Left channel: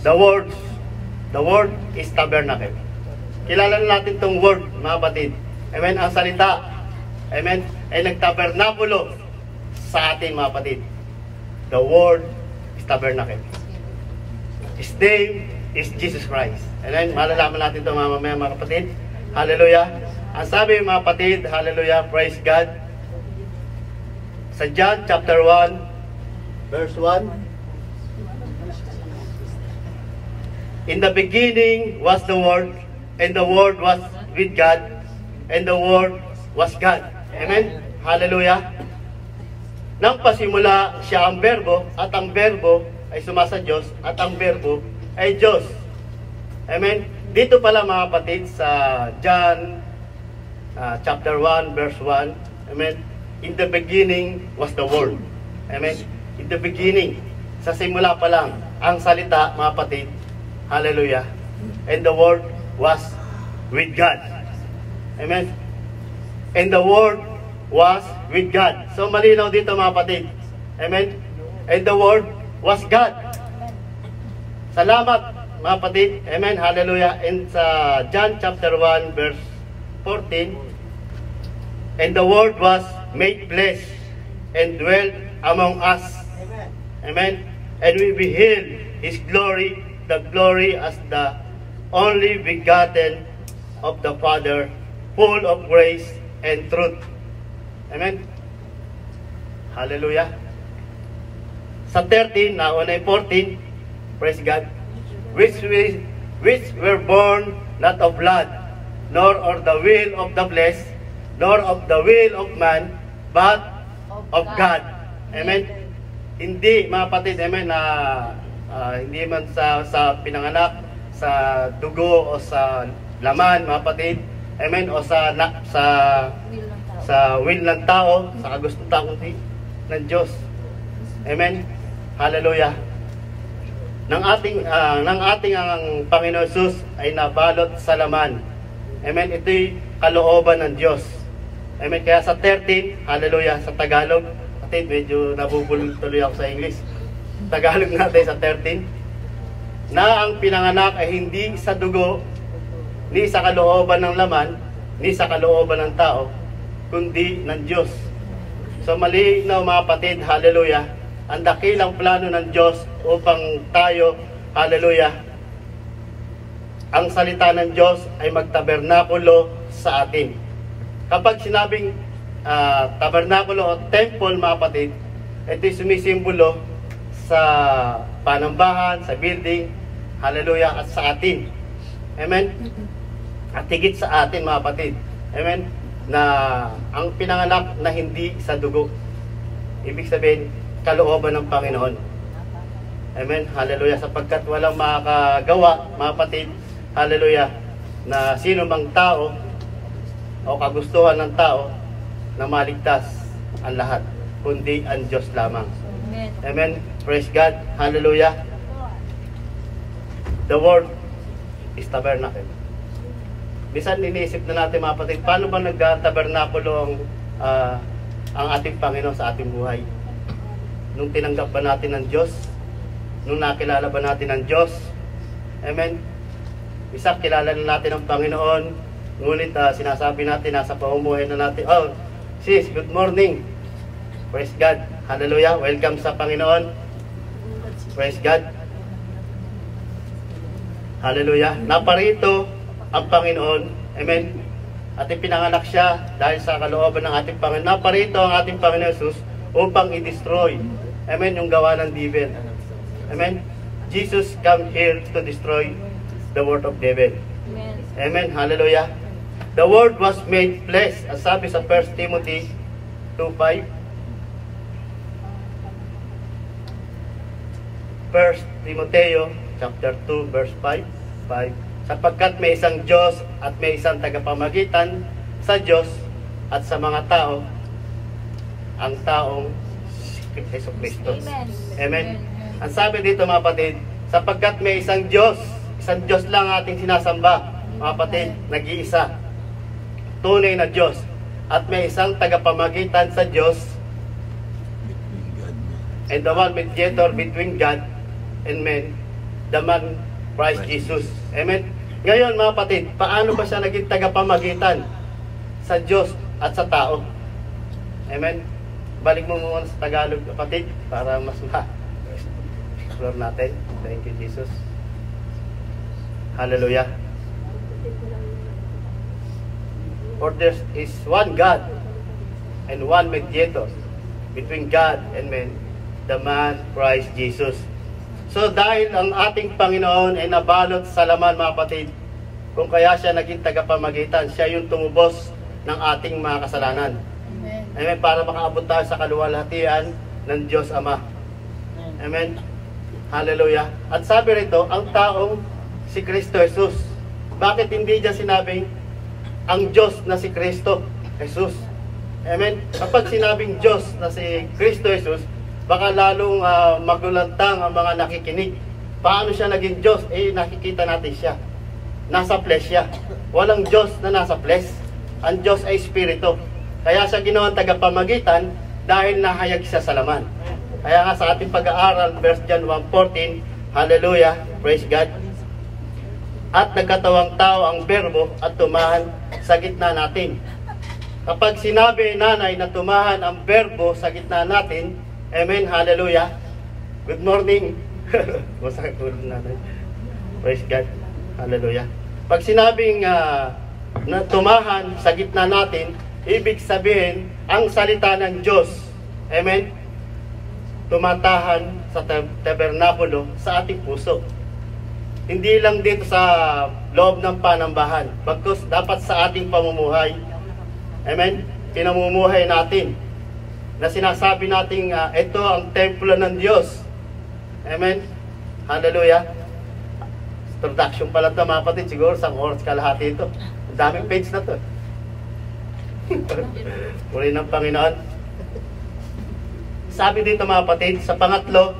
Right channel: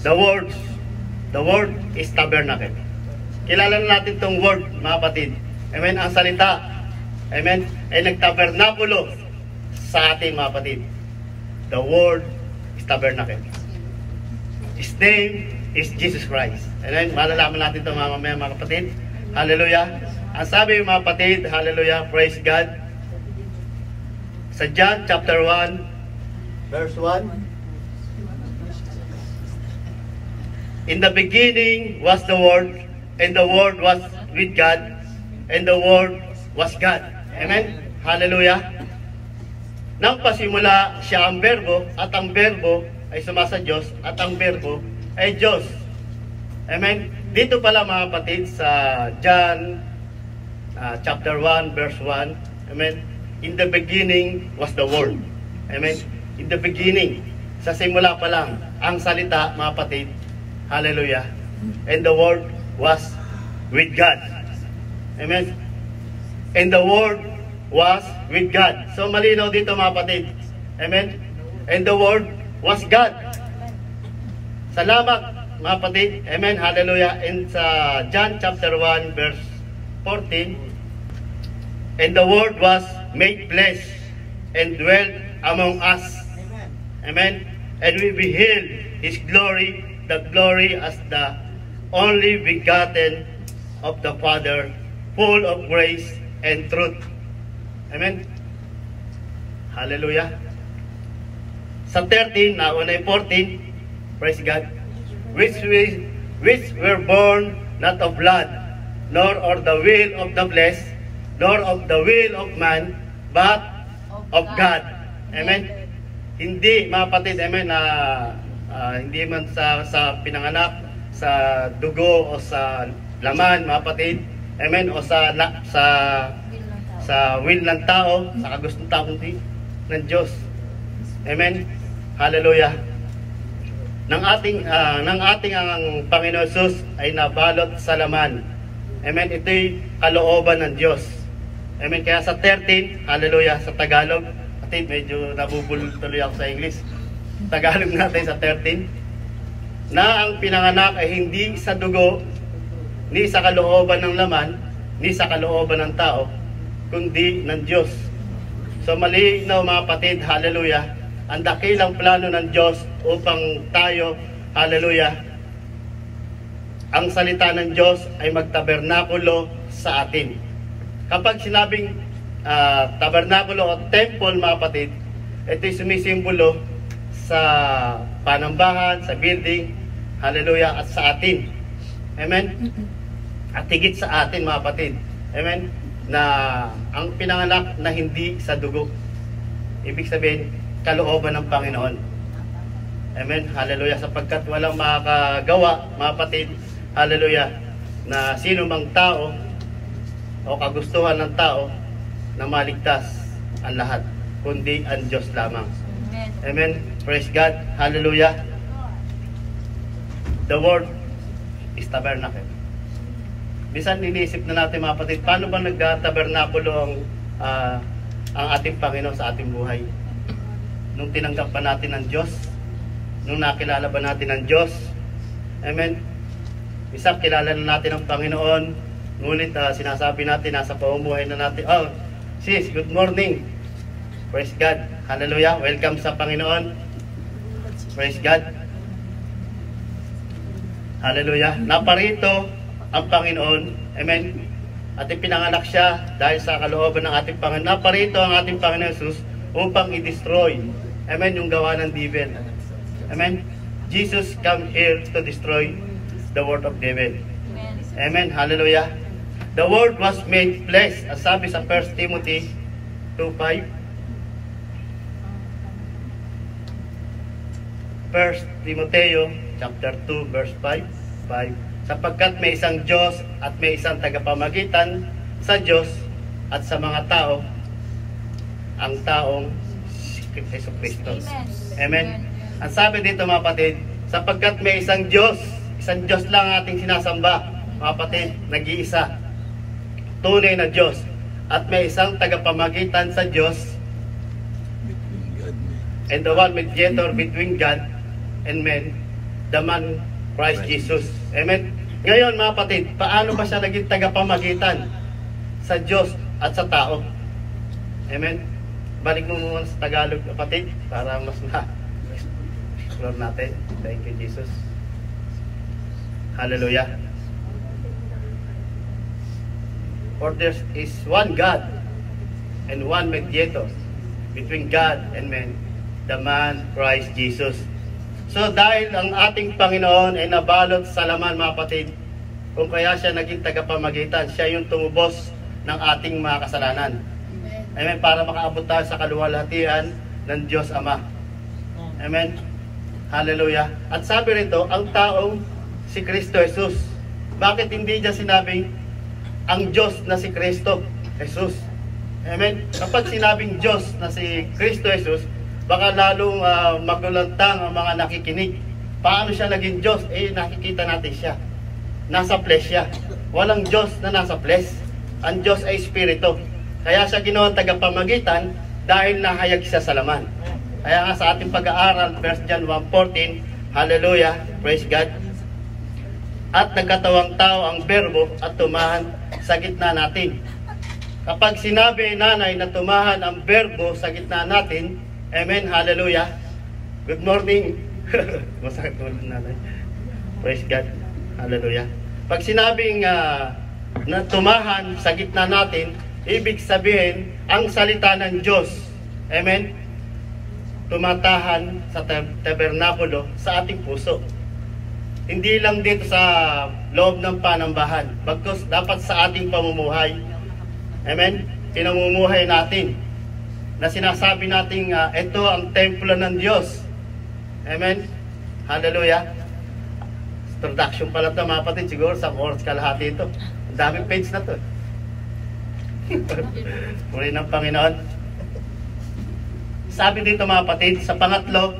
The word is tabernacle. Kilala natin itong word, mga kapatid. Amen, ang salita. Amen, ay nagtabernakulo sa ating mga kapatid. The word is tabernacle. His name is Jesus Christ. Amen, malalaman natin ito mga kapatid. Hallelujah. Ang sabi mga kapatid, hallelujah, praise God. Sa John chapter 1, verse 1. In the beginning was the Word, and the Word was with God, and the Word was God. Amen? Hallelujah. Nang pasimula siya ang berbo, at ang berbo ay sumasa Diyos, at ang berbo ay Diyos. Amen? Dito pala mga kapatid sa John chapter 1 verse 1. Amen? In the beginning was the Word. Amen? In the beginning, sa simula pa lang, ang salita mga kapatid. Hallelujah. And the Word was with God. Amen? And the Word was with God. So malinaw dito mga kapatid. Amen? And the Word was God. Salamat mga kapatid. Amen? Hallelujah. And sa John chapter 1 verse 14. And the Word was made flesh and dwelt among us. Amen? And we beheld His glory, the glory as the only begotten of the Father, full of grace and truth. Amen? Hallelujah. Sa 13, nauna yung 14, praise God, which were born not of blood, nor of the will of the flesh, nor of the will of man, but of God. Amen? Hindi, mga kapatid, amen, hindi man sa pinanganak, sa dugo o sa laman, mga kapatid, amen, o sa will ng tao, sa gusto ng tao, kundi ng Diyos. Amen. Hallelujah. Ng ating ang Panginoon Jesus ay nabalot sa laman. Amen. Ito'y kalooban ng Diyos. Amen. Kaya sa 13, hallelujah, sa Tagalog, kapatid, medyo nabubulol tuloy ako sa English. Tagalog natin sa 13, na ang pinanganak ay hindi sa dugo, ni sa kalooban ng laman, ni sa kalooban ng tao, kundi ng Diyos. So malinaw mga kapatid, hallelujah, ang dakilang plano ng Diyos upang tayo, hallelujah, ang salita ng Diyos ay magtabernakulo sa atin. Kapag sinabing tabernakulo o temple mga kapatid, ito'y sumisimbolo sa panambahan, sa building, hallelujah, at sa atin. Amen? At higit sa atin mga kapatid. Amen? Na ang pinanganak na hindi sa dugo. Ibig sabihin, kalooban ng Panginoon. Amen? Hallelujah. Sapagkat walang makakagawa, mga kapatid, hallelujah, na sino mang tao o kagustuhan ng tao na maligtas ang lahat, kundi ang Diyos lamang. Amen? Amen? Praise God. Hallelujah. The word is tabernacle. Bisan iniisip na natin mga kapatid, paano ba nagtabernakulo ang ating Panginoon sa ating buhay? Nung tinanggap ba natin ang Diyos? Nung nakilala ba natin ang Diyos? Amen? Isa, kilala na natin ang Panginoon. Ngunit sinasabi natin, nasa paumuhay na natin, oh, sis, good morning. Praise God. Hallelujah. Welcome sa Panginoon. Praise God. Hallelujah. Naparito ang Panginoon. Amen. At ipinanganak siya dahil sa kalooban ng ating Panginoon. Naparito ang ating Panginoon Jesus upang i-destroy. Amen. Yung gawa ng devil. Amen. Jesus come here to destroy the word of devil. Amen. Amen. Hallelujah. The word was made flesh. As sabi sa 1 Timothy 2:5. 1 Timoteo chapter 2 verse 5, sapagkat may isang Diyos at may isang tagapamagitan sa Diyos at sa mga tao, ang taong Hesus Kristo. Amen. Ang sabi dito mga kapatid, sapagkat may isang Diyos lang ating sinasamba, mga kapatid, nag-iisa, tunay na Diyos, at may isang tagapamagitan sa Diyos, and the one mediator between God and men, the man Christ Jesus. Amen. Ngayon mga kapatid, paano ba siya naging tagapamagitan sa Diyos at sa tao? Amen. Balik mo muna sa Tagalog kapatid para mas ma-explore natin. Thank you Jesus. Hallelujah. For there is one God and one mediator between God and men, the man Christ Jesus. So dahil ang ating Panginoon ay nabalot sa laman mga kapatid, kung kaya siya naging tagapamagitan, siya yung tumubos ng ating mga kasalanan. Amen. Amen. Para makaabot tayo sa kaluwalhatian ng Diyos Ama. Amen. Hallelujah. At sabi rito, ang taong si Kristo Jesus. Bakit hindi niya sinabing ang Diyos na si Kristo Jesus? Amen. Kapag sinabing Diyos na si Kristo Jesus, baka lalong magulantang ang mga nakikinig. Paano siya naging Diyos? Eh, nakikita natin siya. Nasa flesh siya. Walang Diyos na nasa flesh. Ang Diyos ay Espiritu. Kaya siya ginawang tagapamagitan dahil nahayag siya sa laman. Kaya nga sa ating pag-aaral, 1 John 1:14, hallelujah, praise God. At nagkatawang tao ang berbo at tumahan sa gitna natin. Kapag sinabi nanay na tumahan ang berbo sa gitna natin, amen, hallelujah. Good morning. Masakit ulit natin. Praise God. Hallelujah. Pag sinabing na tumahan sa gitna natin, ibig sabihin, ang salita ng Diyos, amen, tumatahan sa tabernakulo sa ating puso. Hindi lang dito sa loob ng panambahan, bagkus dapat sa ating pamumuhay. Amen? Pinamumuhay natin na sinasabi natin ito ang templo ng Diyos. Amen? Hallelujah. Introduction pa lang ito mga kapatid, siguro sa oras kalahati ito. Ang daming page na ito. Muli ng Panginoon. Sabi dito mga kapatid, sa pangatlo,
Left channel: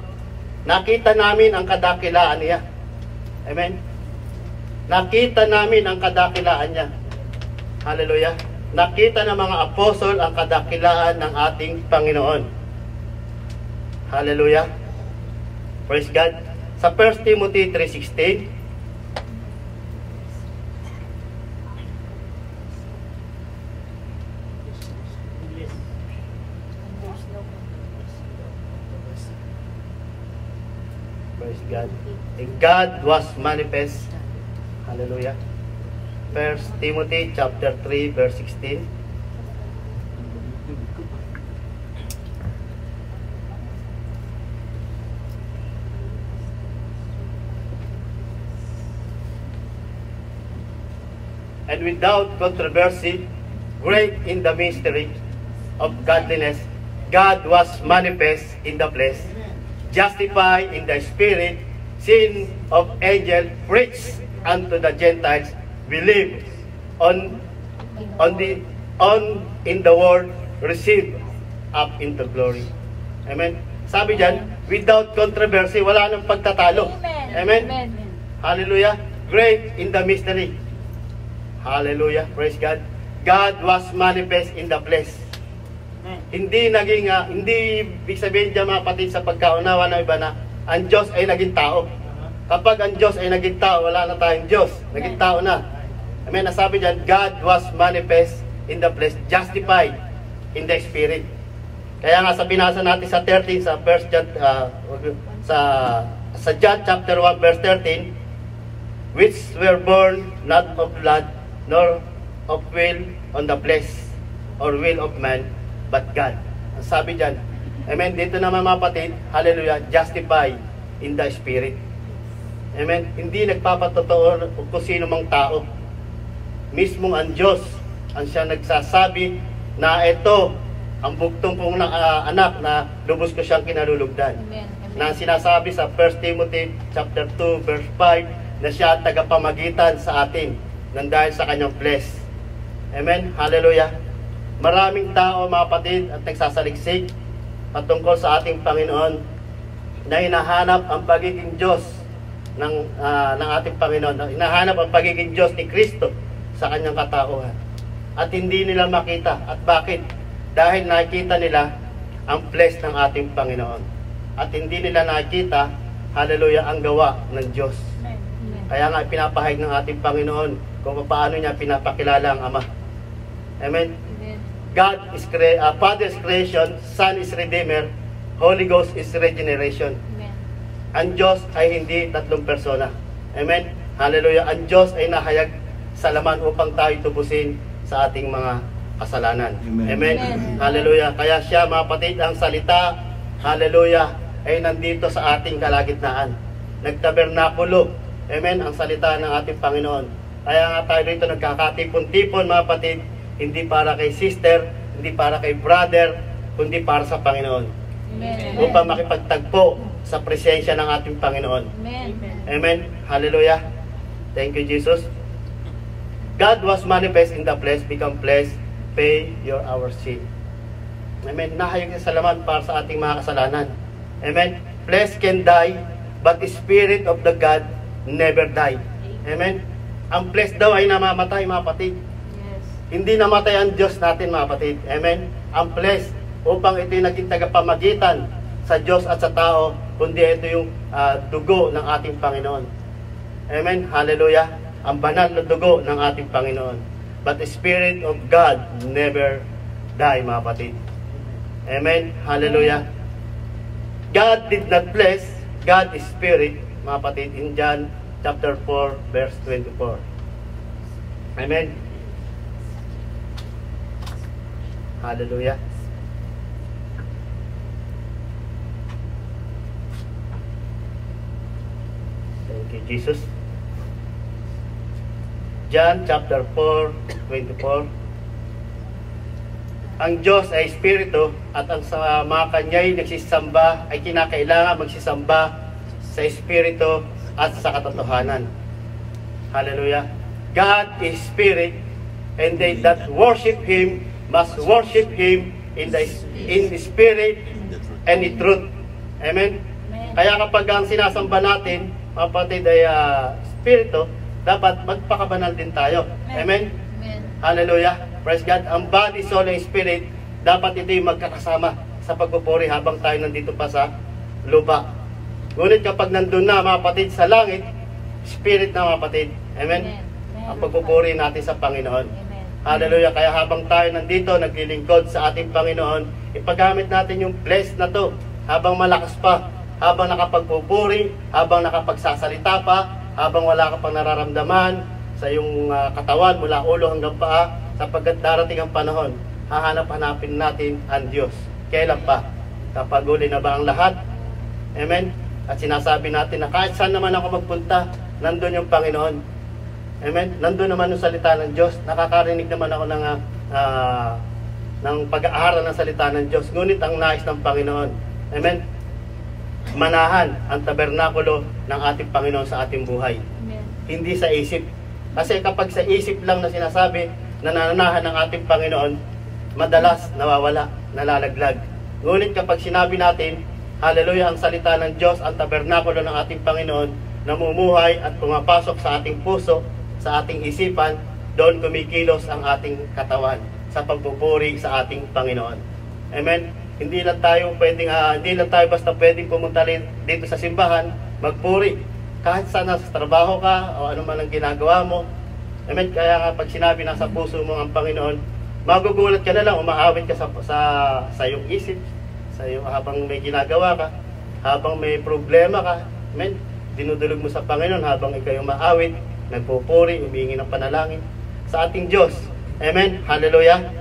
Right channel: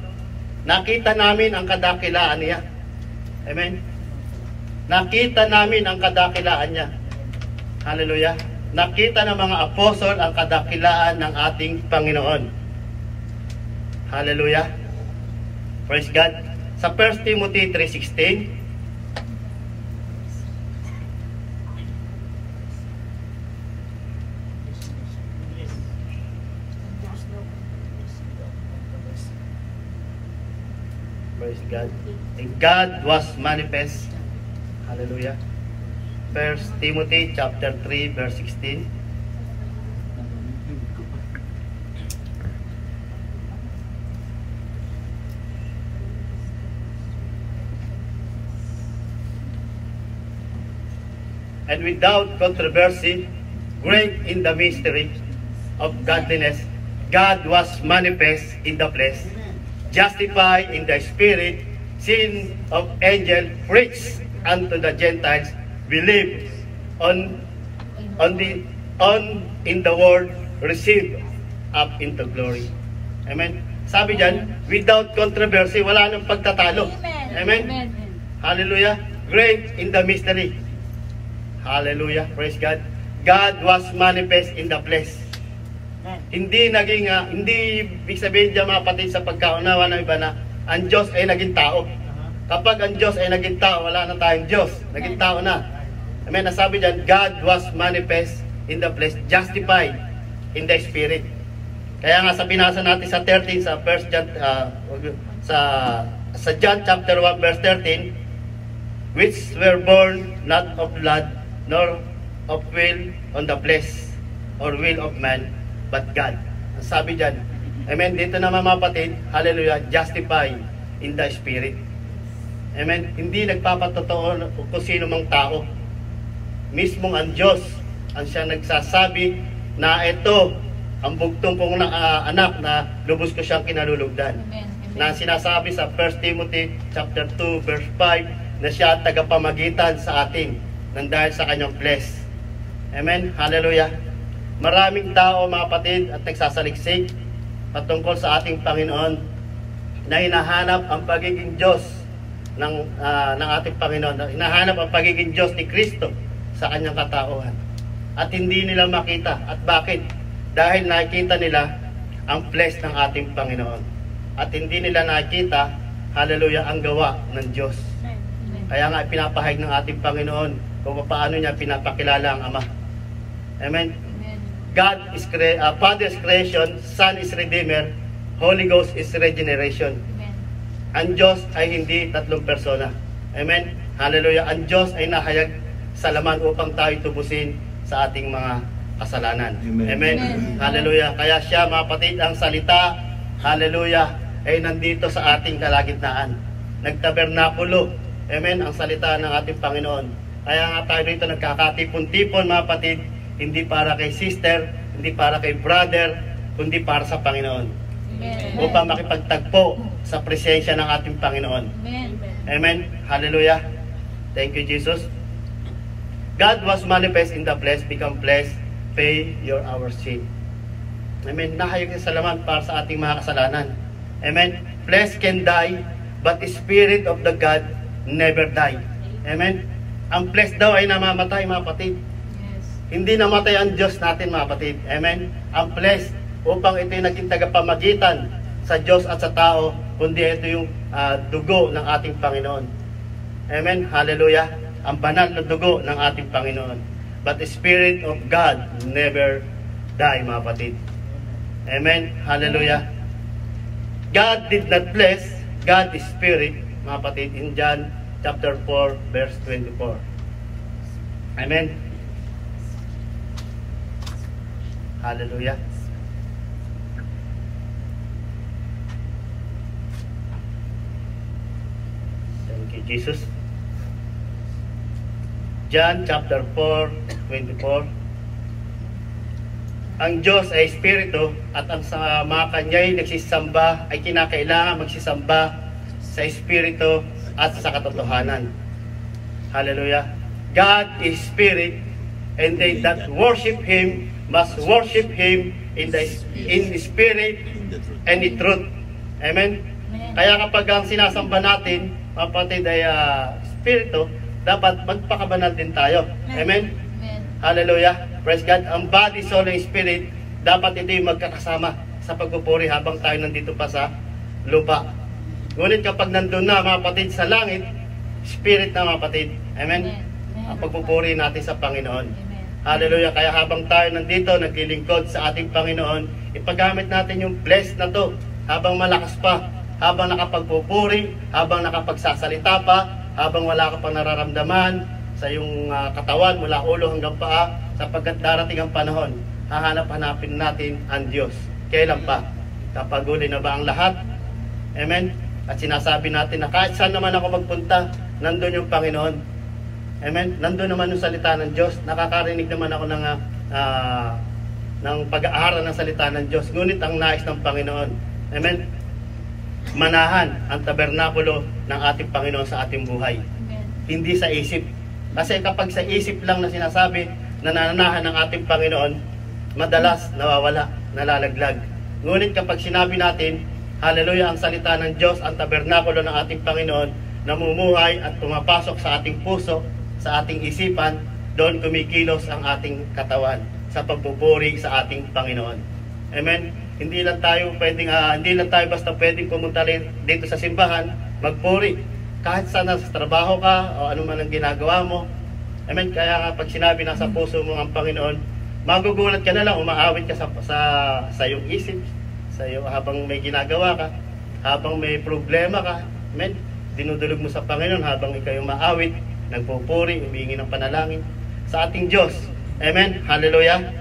nakita namin ang kadakilaan niya. Amen? Nakita namin ang kadakilaan niya. Hallelujah. Nakita ng mga apostol ang kadakilaan ng ating Panginoon. Hallelujah. Praise God. Sa 1 Timothy 3:16, praise God. And God was manifest. Hallelujah. 1 Timothy chapter 3 verse 16. And without controversy, great in the mystery of godliness, God was manifest in the flesh, justified in the spirit, seen of angel, preached unto the Gentiles, believe on in the world, receive up into glory. Amen. Sabi diyan, without controversy, wala nang pagtatalo. Amen. Amen. Hallelujah. Great in the mystery. Hallelujah. Praise God. God was manifest in the flesh. Hindi naging hindi ibig sabihin diyan mga kapatid sa pagkaunawa ng iba na ang Diyos ay naging tao. Kapag ang Diyos ay naging tao, wala na tayong Diyos. Naging tao na. Amen. Nasabi diyan, God was manifest in the flesh, justified in the spirit. Kaya nga sa binasa natin sa 13 sa first John sa John chapter 1 verse 13, which were born not of blood nor of will on the flesh or will of man, but God. Ang sabi diyan, amen, dito naman mga kapatid, hallelujah, justified in the spirit. Amen. Hindi nagpapatotoo kung sino mang tao. Mismong ang Diyos ang siya nagsasabi na ito ang bugtong kong anak na lubos ko siyang kinalulugdan. Amen. Amen. Na sinasabi sa 1 Timothy chapter 2 verse 5 na siya tagapamagitan sa atin nang dahil sa kanyang flesh. Amen. Hallelujah. Maraming tao mga kapatid at nagsasaliksik patungkol sa ating Panginoon na hinahanap ang pagiging Diyos ng ating Panginoon, na hinahanap ang pagiging Diyos ni Kristo sa kanyang katauhan. At hindi nila makita. At bakit? Dahil nakikita nila ang flesh ng ating Panginoon. At hindi nila nakita hallelujah, ang gawa ng Diyos. Kaya nga pinapahayag ng ating Panginoon kung paano niya pinapakilala ang Ama. Amen? God is Father is creation, Son is Redeemer, Holy Ghost is regeneration. Ang Diyos ay hindi tatlong persona. Amen? Hallelujah. Ang Diyos ay nahayag sa laman upang tayo tubusin sa ating mga kasalanan. Amen? Amen? Hallelujah. Kaya siya, mga kapatid, ang salita, hallelujah, ay nandito sa ating kalagitnaan. Nagtabernakulo. Amen? Ang salita ng ating Panginoon. Kaya nga tayo dito nagkakatipon-tipon, mga kapatid, hindi para kay sister, hindi para kay brother, kundi para sa Panginoon. Amen. Upang makipagtagpo sa presensya ng ating Panginoon. Amen. Amen. Hallelujah. Thank you, Jesus. God was manifest in the flesh, become flesh, pay our sin. Amen. Nahayag niya sa laman para sa ating mga kasalanan. Amen. Flesh can die, but the spirit of the God never die. Amen. Ang flesh daw ay namamatay, mga kapatid. Yes. Hindi namatay ang Diyos natin, mga kapatid. Amen. Ang flesh, upang ito yung naging tagapamagitan sa Diyos at sa tao, kundi ito yung dugo ng ating Panginoon. Amen. Hallelujah. Ang banal na dugo ng ating Panginoon. But the Spirit of God never die, mga kapatid. Amen. Hallelujah. God did not bless, God is Spirit, mga kapatid, in John chapter 4, verse 24. Amen. Hallelujah. Thank you, Jesus. John chapter 4, 24. Ang Diyos ay Espiritu at ang sa mga kanya'y nagsisamba ay kinakailangan magsisamba sa Espiritu at sa katotohanan. Hallelujah. God is Spirit, and they that worship Him must worship Him in Spirit and in truth. Amen? Kaya kapag ang sinasamba natin, kapatid, ay Espiritu, dapat magpakabanal din tayo. Amen? Amen. Hallelujah. Praise God. Ang body, soul, and spirit, dapat ito yung magkakasama sa pagpupuri habang tayo nandito pa sa lupa. Ngunit kapag nandun na, mga kapatid, sa langit, spirit na, mga kapatid. Amen? Ang pagpupuri natin sa Panginoon. Amen. Hallelujah. Kaya habang tayo nandito, naglilingkod sa ating Panginoon, ipagamit natin yung bless na to habang malakas pa, habang nakapagpupuri, habang nakapagsasalita pa, habang wala ka pang nararamdaman sa iyong katawan mula ulo hanggang paa, sapagkat darating ang panahon, hahanap-hanapin natin ang Diyos. Kailan pa? Kapag huli na ba ang lahat? Amen? At sinasabi natin na kahit saan naman ako magpunta, nandun yung Panginoon. Amen? Nandun naman yung salita ng Diyos. Nakakarinig naman ako ng pag-aaral ng salita ng Diyos. Ngunit ang nais ng Panginoon. Amen? Manahan ang tabernakulo ng ating Panginoon sa ating buhay. Amen. Hindi sa isip. Kasi kapag sa isip lang na sinasabi, nananahan ng ating Panginoon, madalas nawawala, nalalaglag. Ngunit kapag sinabi natin, hallelujah, ang salita ng Diyos, ang tabernakulo ng ating Panginoon, namumuhay at pumapasok sa ating puso, sa ating isipan, doon kumikilos ang ating katawan sa pagpupuri sa ating Panginoon. Amen? Hindi lang tayo basta pwedeng pumunta dito sa simbahan, magpuri. Kahit sana sa trabaho ka o ano man ang ginagawa mo. Amen? Kaya nga pag sinabi nasa puso mo ang Panginoon, magugulat ka na lang, umaawit ka sa iyong isip, sa iyo habang may ginagawa ka, habang may problema ka. Amen? Dinudulog mo sa Panginoon habang ikaw umaawit, nagpupuri, humingi ng panalangin sa ating Diyos. Amen? Hallelujah!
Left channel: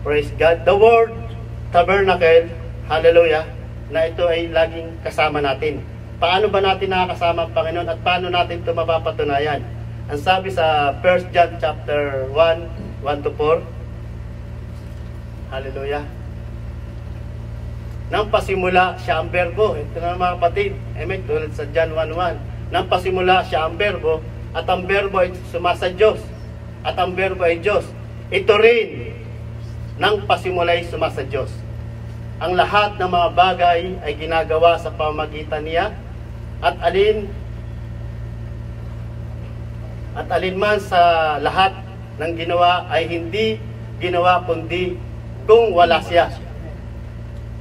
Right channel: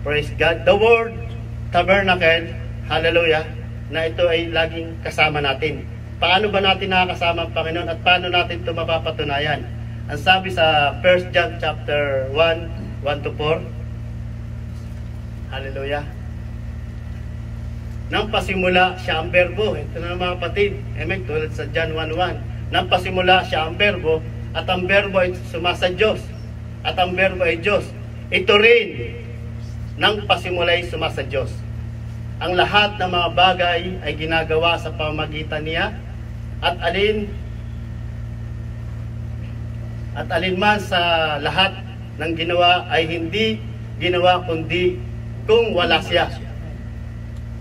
Praise God. The word tabernacle, hallelujah, na ito ay laging kasama natin. Paano ba natin nakakasama ang Panginoon at paano natin ito mapapatunayan? Ang sabi sa 1 John chapter 1, 1-4, hallelujah. Nang pasimula siya ang berbo. Ito na mga kapatid. Amen. Tulad sa John 1:1. Nang pasimula siya ang berbo, at ang berbo ay sumasa Diyos. At ang berbo ay Diyos. Ito rin, nang pasimula'y sumasa Diyos. Ang lahat ng mga bagay ay ginagawa sa pamagitan niya, at alinman sa lahat ng ginawa ay hindi ginawa kundi kung wala siya.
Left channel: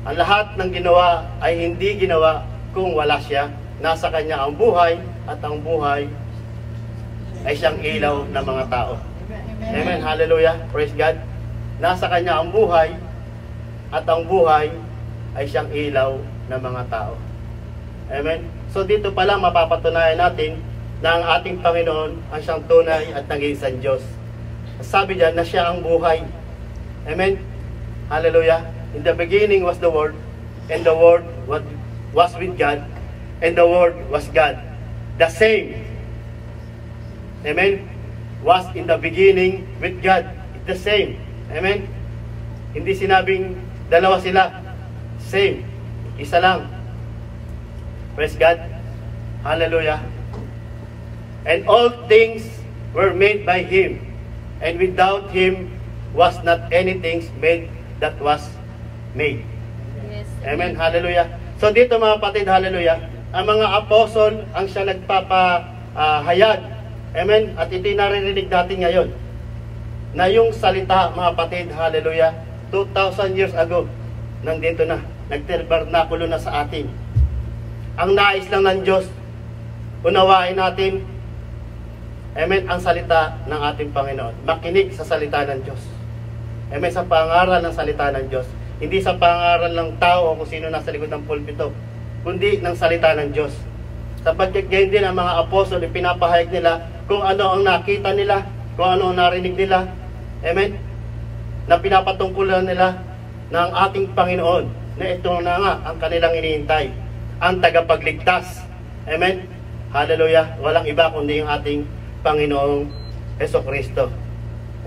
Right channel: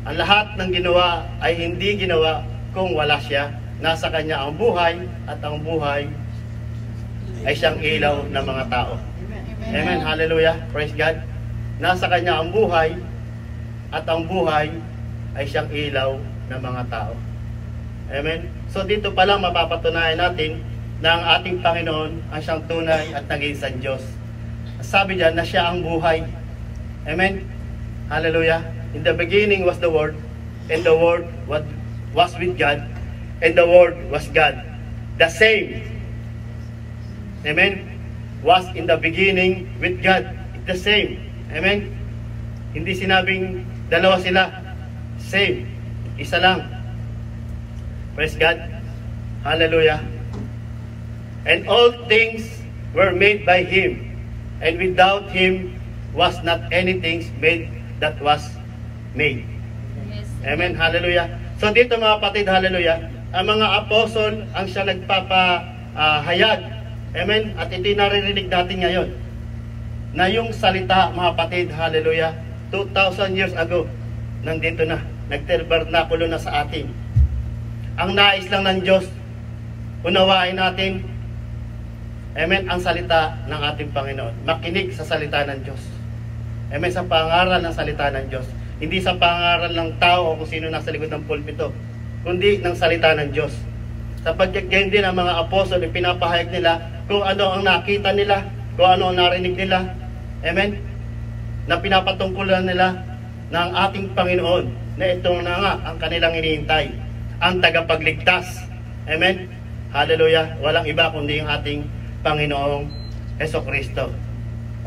Ang lahat ng ginawa ay hindi ginawa kung wala siya. Nasa kanya ang buhay, at ang buhay ay siyang ilaw ng mga tao. Amen. Hallelujah. Praise God. Nasa kanya ang buhay, at ang buhay ay siyang ilaw ng mga tao. Amen. So dito pa lang mapapatunayan natin na ang ating Panginoon ang siyang tunay at nag-iisang Diyos. Sabi diyan na siya ang buhay. Amen. Hallelujah. In the beginning was the Word, and the Word was with God, and the Word was God. The same. Amen. Was in the beginning with God. It's the same. Amen. Hindi sinabing dalawa sila. Same. Isa lang. Praise God. Hallelujah. And all things were made by Him, and without Him was not anything made that was made. Yes. Amen. Hallelujah. So dito mga kapatid, hallelujah, ang mga apostol ang siya nagpapahayag. Amen. At ito naririnig natin ngayon na yung salita mga kapatid, hallelujah, 2,000 years ago nandito na, nagtabernakulo na sa atin. Ang nais lang ng Diyos, unawain natin, amen, ang salita ng ating Panginoon. Makinig sa salita ng Diyos. Amen, sa pangaral ng salita ng Diyos. Hindi sa pangaral ng tao o kung sino nasa likod ng pulpito, kundi ng salita ng Diyos. Sapagkat gayon din ang mga apostol, ipinapahayag nila kung ano ang nakita nila, kung ano ang narinig nila. Amen. Na pinapatungkulan nila ng ating Panginoon, na ito na nga ang kanilang inihintay, ang tagapagligtas. Amen. Hallelujah. Walang iba kundi yung ating Panginoong Jesucristo.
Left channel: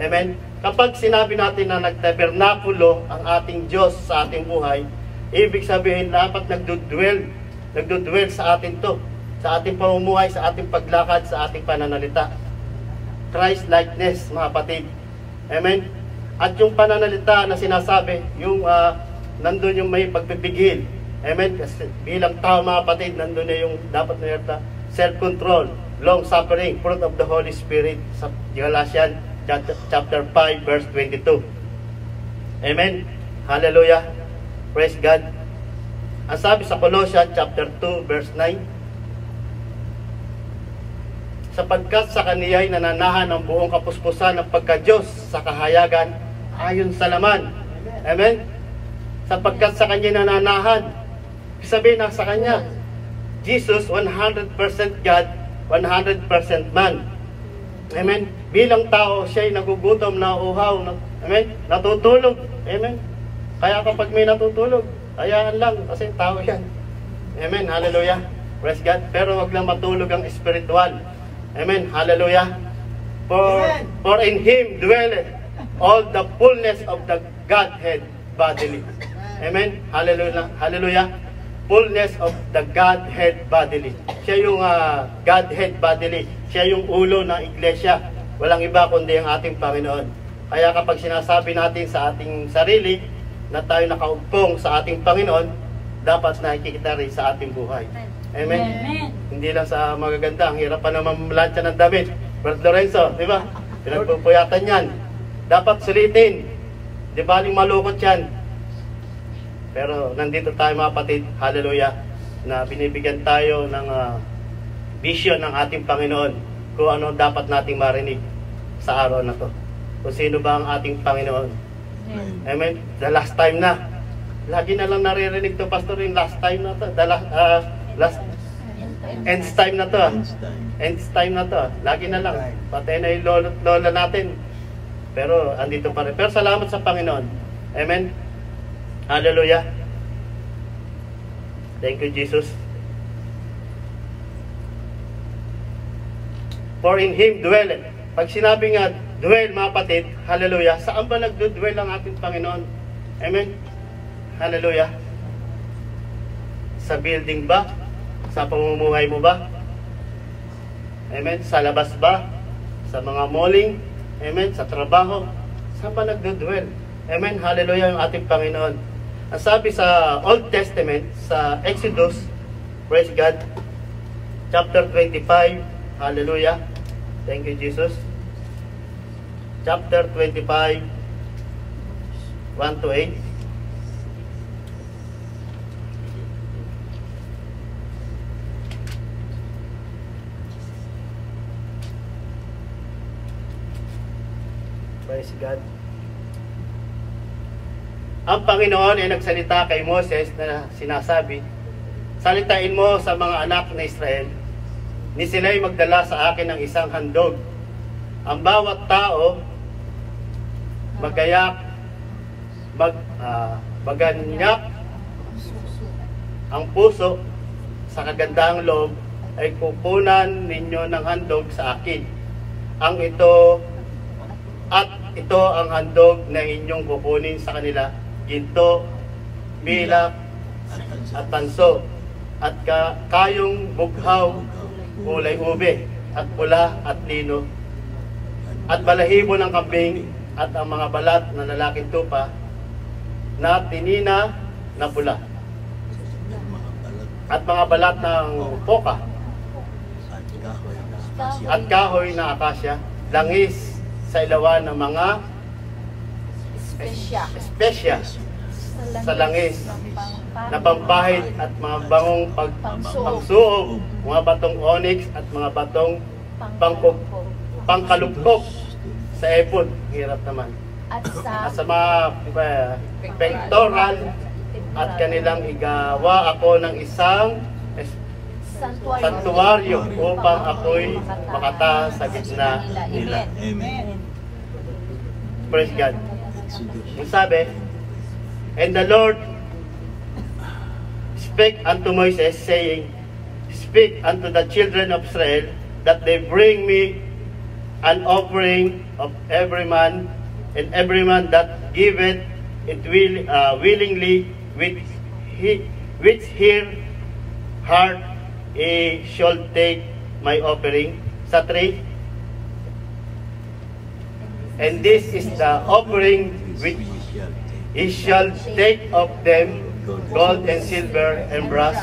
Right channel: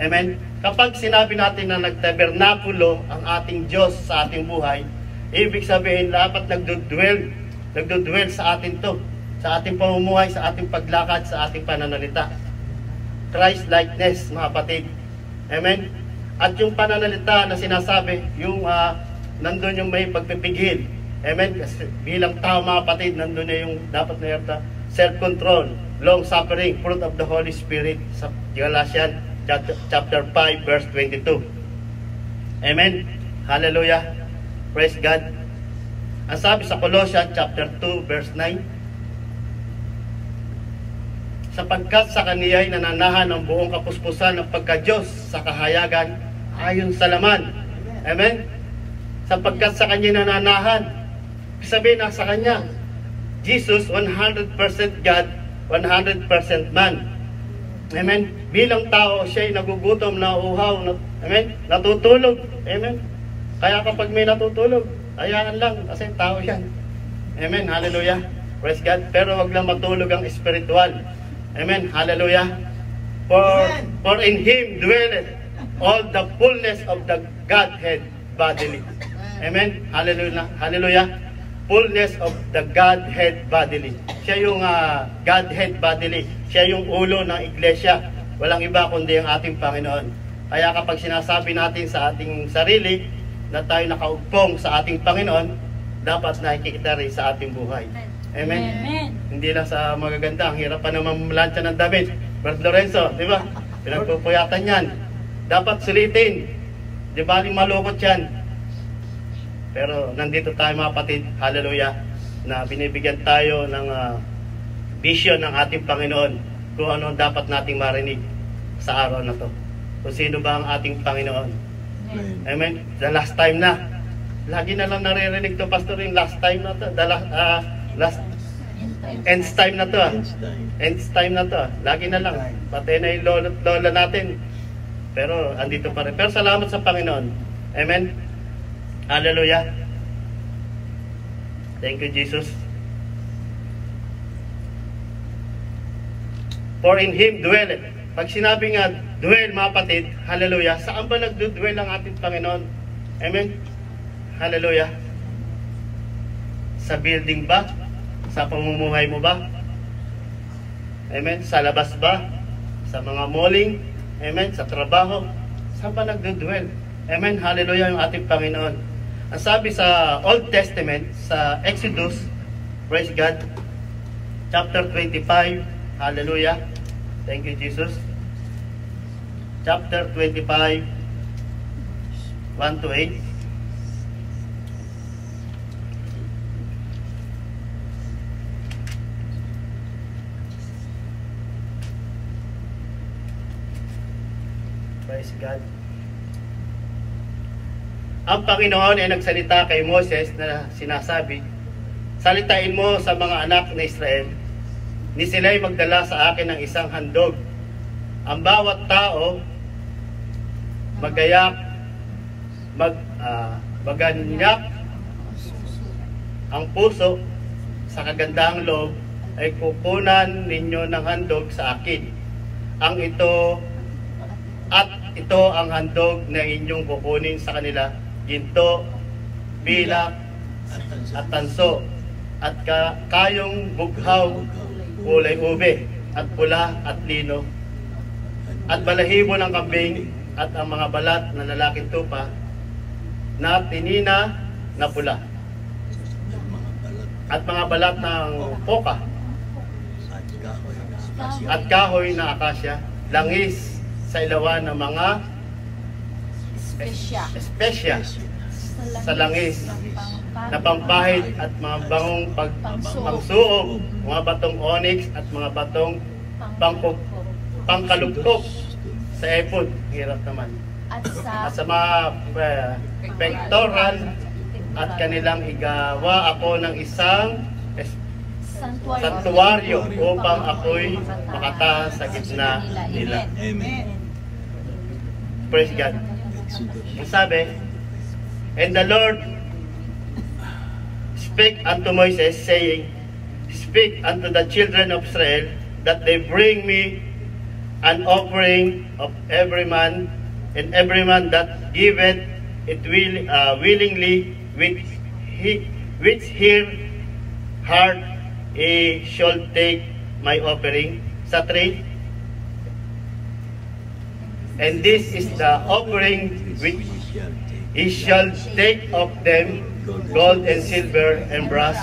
Amen. Kapag sinabi natin na nagtabernakulo ang ating Diyos sa ating buhay, ibig sabihin dapat nagdudwell sa atin to, sa ating pamumuhay, sa ating paglakad, sa ating pananalita. Christ-likeness, mga kapatid. Amen. At yung pananalita na sinasabi, yung nandun yung may pagpipigil. Amen. Kasi bilang tao, mga kapatid, nandun na yung dapat na yata, self-control, long-suffering, fruit of the Holy Spirit, sa Galatians chapter 5 verse 22. Amen. Hallelujah. Praise God. Ang sabi sa Colossians chapter 2 verse 9, sapagkat sa Kaniya ay nananahan ang buong kapuspusan ng pagka-Diyos sa kahayagan ayon sa laman. Amen. Sapagkat sa Kanya nananahan, sabihin na sa Kanya, Jesus 100% God, 100% man. Amen. Bilang tao, siya ay nagugutom, nauuhaw, amen, natutulog. Amen. Kaya kapag may natutulog, hayaan lang kasi tao yan. Amen. Hallelujah. Praise God. Pero wag lang matulog ang spiritual. Amen. Hallelujah. For in Him dwelleth all the fullness of the Godhead bodily. Amen. Hallelujah. Hallelujah. Fullness of the Godhead bodily. Siya yung Godhead bodily. Siya yung ulo ng iglesia. Walang iba kundi ang ating Panginoon. Kaya kapag sinasabi natin sa ating sarili na tayo nakaugpong sa ating Panginoon, dapat nakikita rin sa ating buhay. Amen. Amen. Hindi lang sa magaganda. Ang hirap pa naman malansya ng damit. Brad Lorenzo, di ba? Pinagpupuyatan yan. Dapat sulitin. Di ba yung malukot yan? Pero nandito tayo mga kapatid, hallelujah, na binibigyan tayo ng vision ng ating Panginoon kung ano dapat nating marinig sa araw na to. Kung sino ba ang ating Panginoon. Amen. The last time na. Lagi na lang naririnig to, Pastor, yung last time na to. End time na to. End time na to. Lagi na lang. Patay na yung lola natin. Pero andito pa rin. Pero salamat sa Panginoon. Amen. Hallelujah. Thank you, Jesus. For in Him dwelleth. Pag sinabi nga, dwell, mga kapatid, hallelujah, saan ba nagdudwell ang ating Panginoon? Amen. Hallelujah. Sa building ba? Sa pamumuhay mo ba? Amen. Sa labas ba? Sa mga malling? Amen. Sa trabaho? Saan ba nagdudwell? Amen. Hallelujah yung ating Panginoon. Ang sabi sa Old Testament, sa Exodus, praise God, chapter 25, hallelujah, thank you Jesus, chapter 25, 1 to 8, Praise God. Ang Panginoon ay nagsalita kay Moses na sinasabi, salitain mo sa mga anak na Israel, ni sila'y magdala sa akin ng isang handog. Ang bawat tao magayak, maganyak ang puso sa kagandahang loob ay kukunan ninyo ng handog sa akin. Ito ang handog na inyong kukunin sa kanila, ginto, bilak, at tanso, at kayong bughaw, kulay ube, at pula at lino, at balahibo ng kambing, at ang mga balat na lalaking tupa, na tinina na pula, at mga balat ng poka, at kahoy na akasya, langis sa ilawan ng mga espesya sa langis na pampahid at mga bangong pagsuog, mga batong onyx at mga batong pangkalupkop sa epod. Hirap naman. At sa mga pectoral at kanilang igawa ako ng isang santuaryo upang ako'y makataas sa gitna nila. Praise God. Ang sabi, and the Lord spake unto Moses, saying, speak unto the children of Israel, that they bring me an offering of every man, and every man that giveth it willingly, which his heart he shall take my offering. Sa 3, and this is the offering which he shall take of them, gold and silver and brass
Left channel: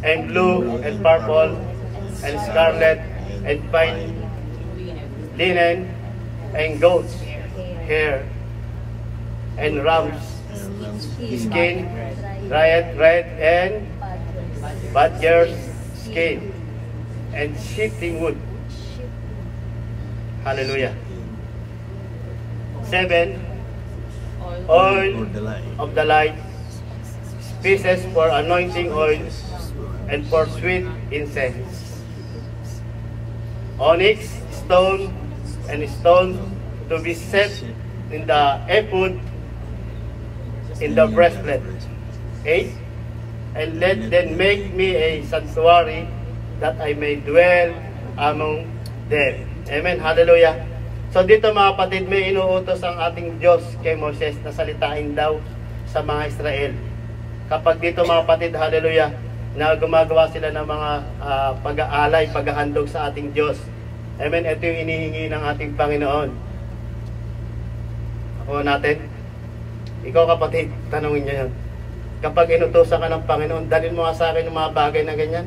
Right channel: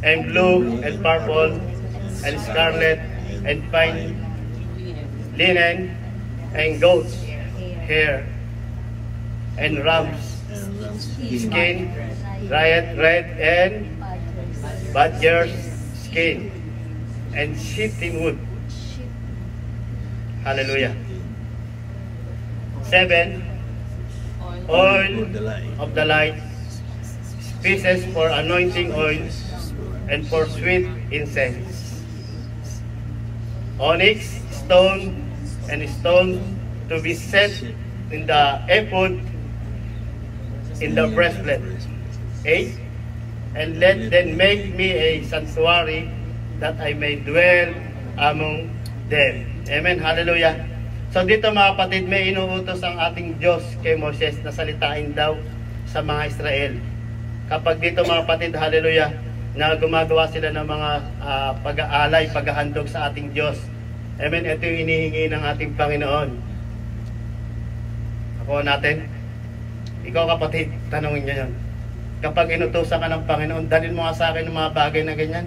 and blue and purple and scarlet and fine linen and goat's hair and ram's skin, red and badger's skin and shittim wood. Hallelujah. 7, oil of the light, spices for anointing oil, and for sweet incense. Onyx, stone, and stone to be set in the ephod, in the breastplate. 8, and let them make me a sanctuary, that I may dwell among them. Amen. Hallelujah. So dito mga kapatid, may inuutos ang ating Diyos kay Moses na salitain daw sa mga Israel. Kapag dito mga kapatid, hallelujah, na gumagawa sila ng mga pag-aalay, paghahandog sa ating Diyos. Amen. Ito yung inihingi ng ating Panginoon. Ako natin. Ikaw kapatid, tanungin niyo yan. Kapag inutusan ka ng Panginoon, dalhin mo nga sa akin yung mga bagay na ganyan.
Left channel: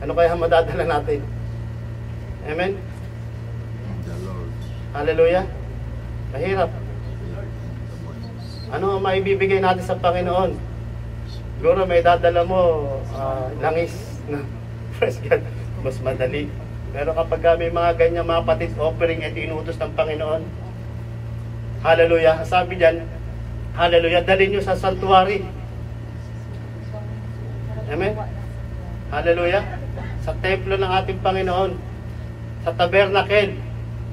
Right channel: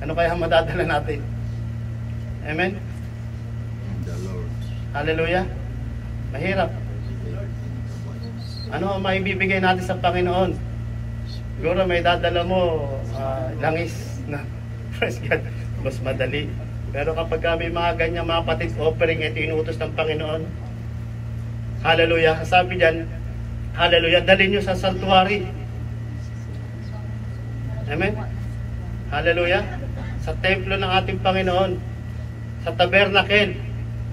Ano kaya madadala natin? Amen. Hallelujah. Mahirap. Ano ang maibibigay natin sa Panginoon? Siguro may dadala mo langis na praise God, mas madali. Pero kapag may mga ganyan mga patid offering, ito inuutos ng Panginoon. Hallelujah. Sabi diyan, hallelujah, dalhin nyo sa sanctuary. Amen. Hallelujah. Sa templo ng ating Panginoon, sa tabernacle.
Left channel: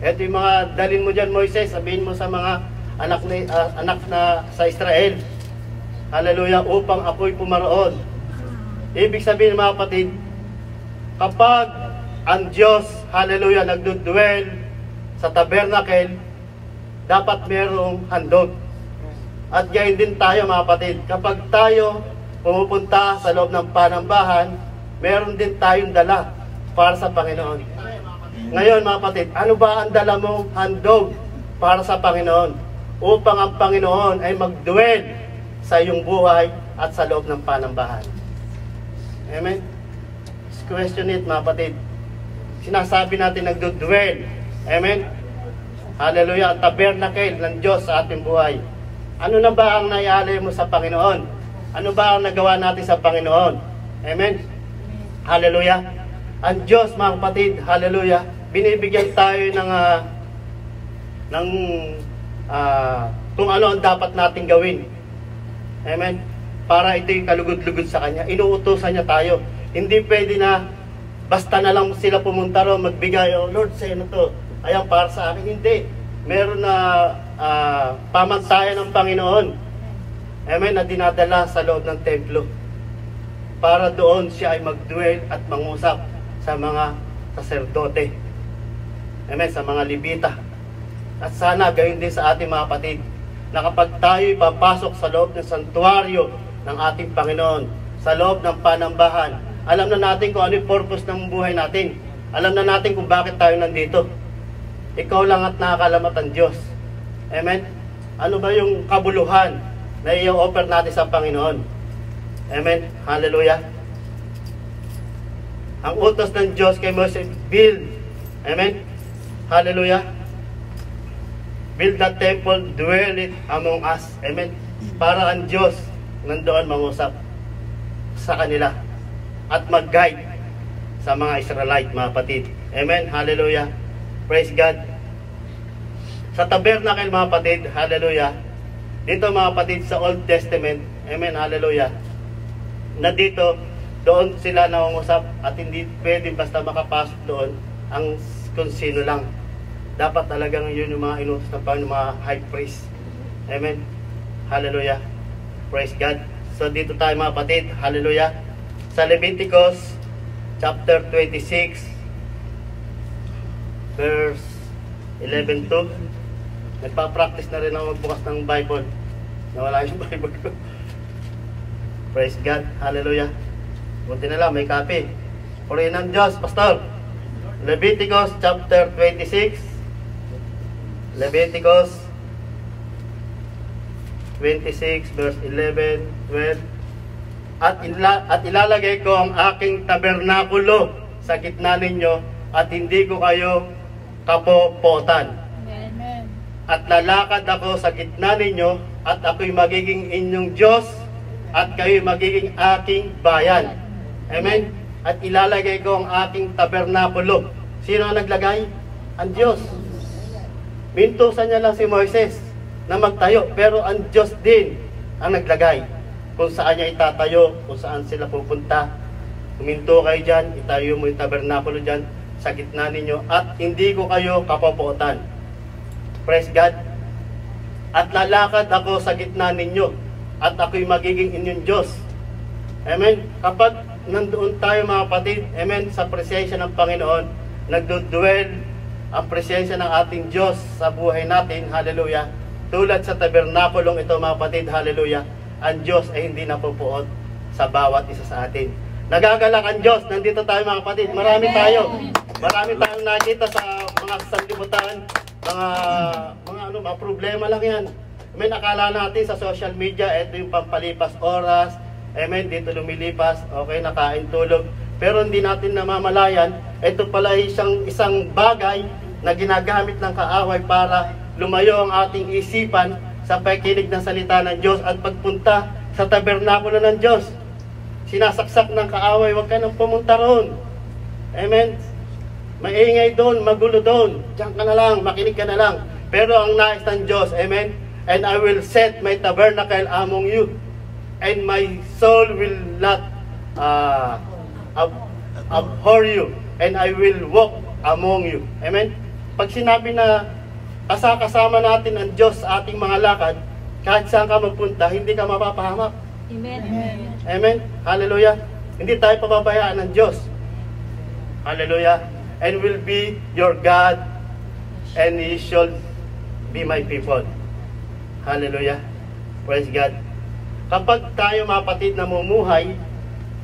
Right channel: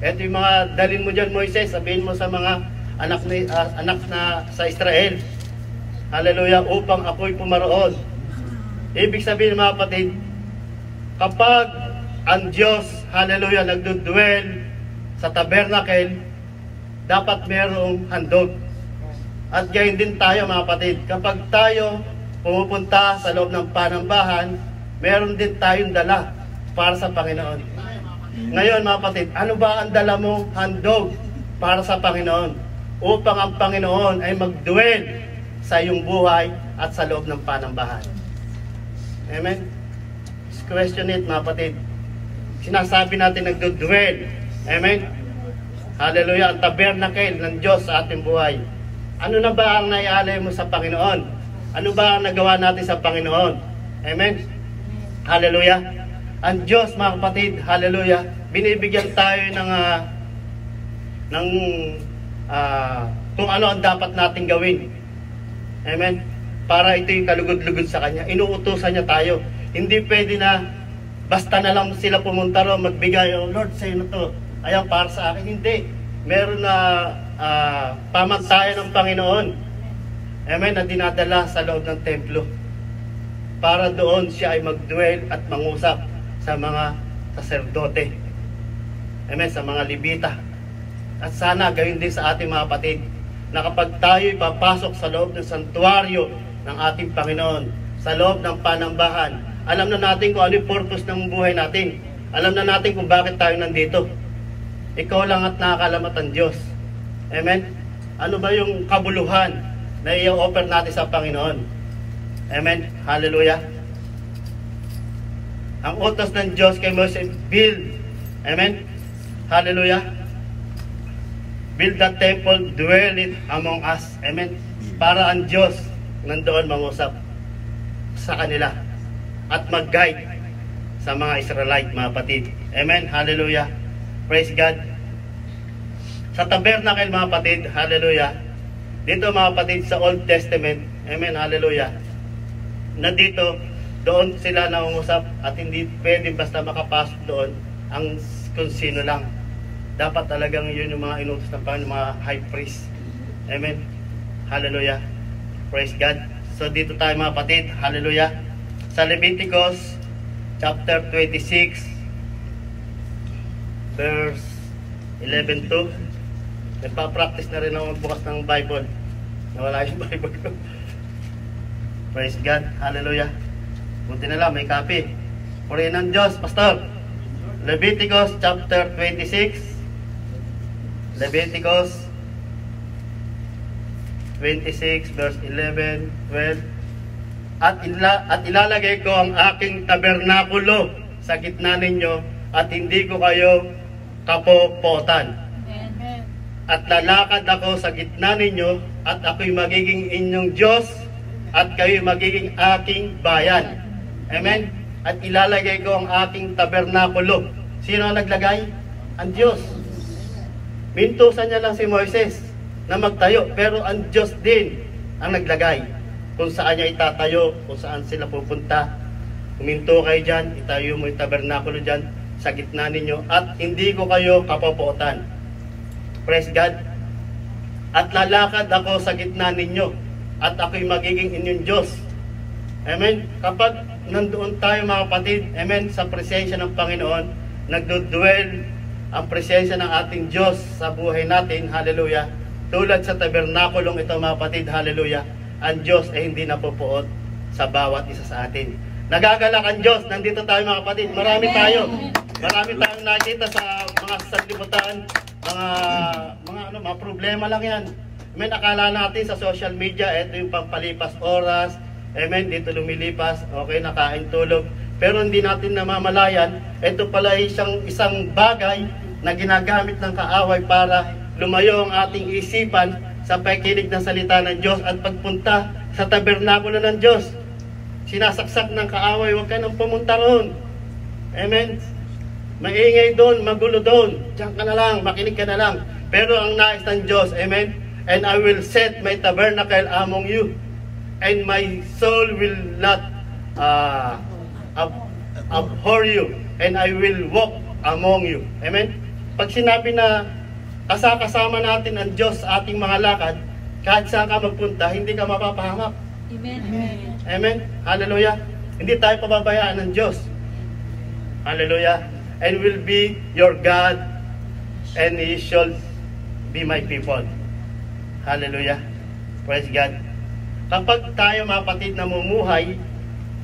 Ito yung mga dalhin mo dyan, Moises, sabihin mo sa mga anak na sa Israel, hallelujah, upang ako'y pumaroon. Ibig sabihin mga kapatid, kapag ang Diyos, hallelujah, nagdudwell sa tabernacle, dapat merong handog. At gayon din tayo mga kapatid, kapag tayo pumupunta sa loob ng panambahan, meron din tayong dala para sa Panginoon. Ngayon mga kapatid, ano ba ang dala mong handog para sa Panginoon? Upang ang Panginoon ay mag-dwell sa iyong buhay at sa loob ng panambahan. Amen? Let's question it mga kapatid. Sinasabi natin nagdo-dwell. Amen? Hallelujah, ang tabernacle ng Diyos sa ating buhay. Ano na ba ang naialay mo sa Panginoon? Ano ba ang nagawa natin sa Panginoon? Amen? Hallelujah. Ang Diyos mga kapatid, hallelujah, binibigyan tayo ng kung ano ang dapat nating gawin. Amen? Para ito yung kalugod-lugod sa Kanya. Inuutusan niya tayo. Hindi pwede na basta na lang sila pumunta ro, magbigay, oh Lord, sa'yo na to. Ayan, para sa akin. Hindi. Meron na pamantayan ng Panginoon. Amen? Na dinadala sa loob ng templo. Para doon siya ay mag-dwell at mangusap sa mga saserdote. Amen? Sa mga Levita. At sana gayon din sa ating mga kapatid, na kapag tayo'y papasok sa loob ng santuaryo ng ating Panginoon, sa loob ng panambahan, alam na natin kung ano yung purpose ng buhay natin. Alam na natin kung bakit tayo nandito. Ikaw lang at nakakalamat ang Diyos. Amen? Ano ba yung kabuluhan na i-offer natin sa Panginoon? Amen? Hallelujah. Ang utos ng Diyos kay Moses, build. Amen? Hallelujah. Build the temple, dwell it among us. Amen? Para ang Diyos nandoon mangusap sa kanila at mag-guide sa mga Israelite, mga kapatid. Amen? Hallelujah. Praise God. Sa tabernacle, mga kapatid, hallelujah. Dito, mga kapatid, sa Old Testament, amen, hallelujah, na dito, doon sila nangungusap at hindi pwede basta makapasok doon ang kung sino lang. Dapat talagang yun yung mga inutos ng Panginoon, mga high priest. Amen. Hallelujah. Praise God. So dito tayo, mga kapatid, hallelujah. Sa Leviticus chapter 26 verse 11 to, nagpa-practice na rin ako magbukas ng Bible. Nawala yung Bible ko. Praise God. Hallelujah. Buti na lang, may copy. Purihin ng Diyos, Pastor. Leviticus chapter 26. Leviticus 26 verse 11, 12. At ilalagay ko ang aking tabernakulo sa gitna ninyo at hindi ko kayo kapopotan. Amen. At lalakad ako sa gitna ninyo at ako'y magiging inyong Diyos at kayo'y magiging aking bayan. Amen. At ilalagay ko ang aking tabernakulo. Sino ang naglagay? Ang Diyos. Mintusan niya lang si Moises na magtayo, pero ang Diyos din ang naglagay kung saan niya itatayo, kung saan sila pupunta. Huminto kayo dyan, itayo mo yung tabernakulo dyan sa gitna ninyo at hindi ko kayo kapopotan. Praise God. At lalakad ako sa gitna ninyo at ako'y magiging inyong Diyos. Amen. Kapag nandoon tayo, mga kapatid, amen, sa presensya ng Panginoon, nagdudwell ang presensya ng ating Diyos sa buhay natin, hallelujah. Tulad sa tabernakulong ito, mga kapatid, hallelujah, ang Diyos ay hindi napupuot sa bawat isa sa atin. Nagagalak ang Diyos. Nandito tayo, mga kapatid. Marami tayo. Marami tayong nakita sa mga sanlibutan, mga problema lang yan. May nakala natin sa social media, ito yung pampalipas oras, amen, dito lumilipas, okay, nakain, tulog. Pero hindi natin namamalayan, ito pala isang bagay na ginagamit ng kaaway para lumayo ang ating isipan sa pakikinig ng salita ng Diyos at pagpunta sa tabernakulo ng Diyos. Sinasaksak ng kaaway, huwag ka nang pumunta roon. Amen. Maingay doon, magulo doon. Diyan ka na lang, makinig ka na lang. Pero ang nais ng Diyos, amen, and I will set my tabernacle among you, and my soul will not abhor you, and I will walk among you. Amen? Pag sinabi na kasama natin ang Diyos sa ating mga lakad, kahit saan ka magpunta, hindi ka mapapahamak. Amen. Amen. Amen? Hallelujah. Hindi tayo pababayaan ng Diyos. Hallelujah. And will be your God, and He shall be my people. Hallelujah. Praise God. Kapag tayo, mga kapatid, namumuhay,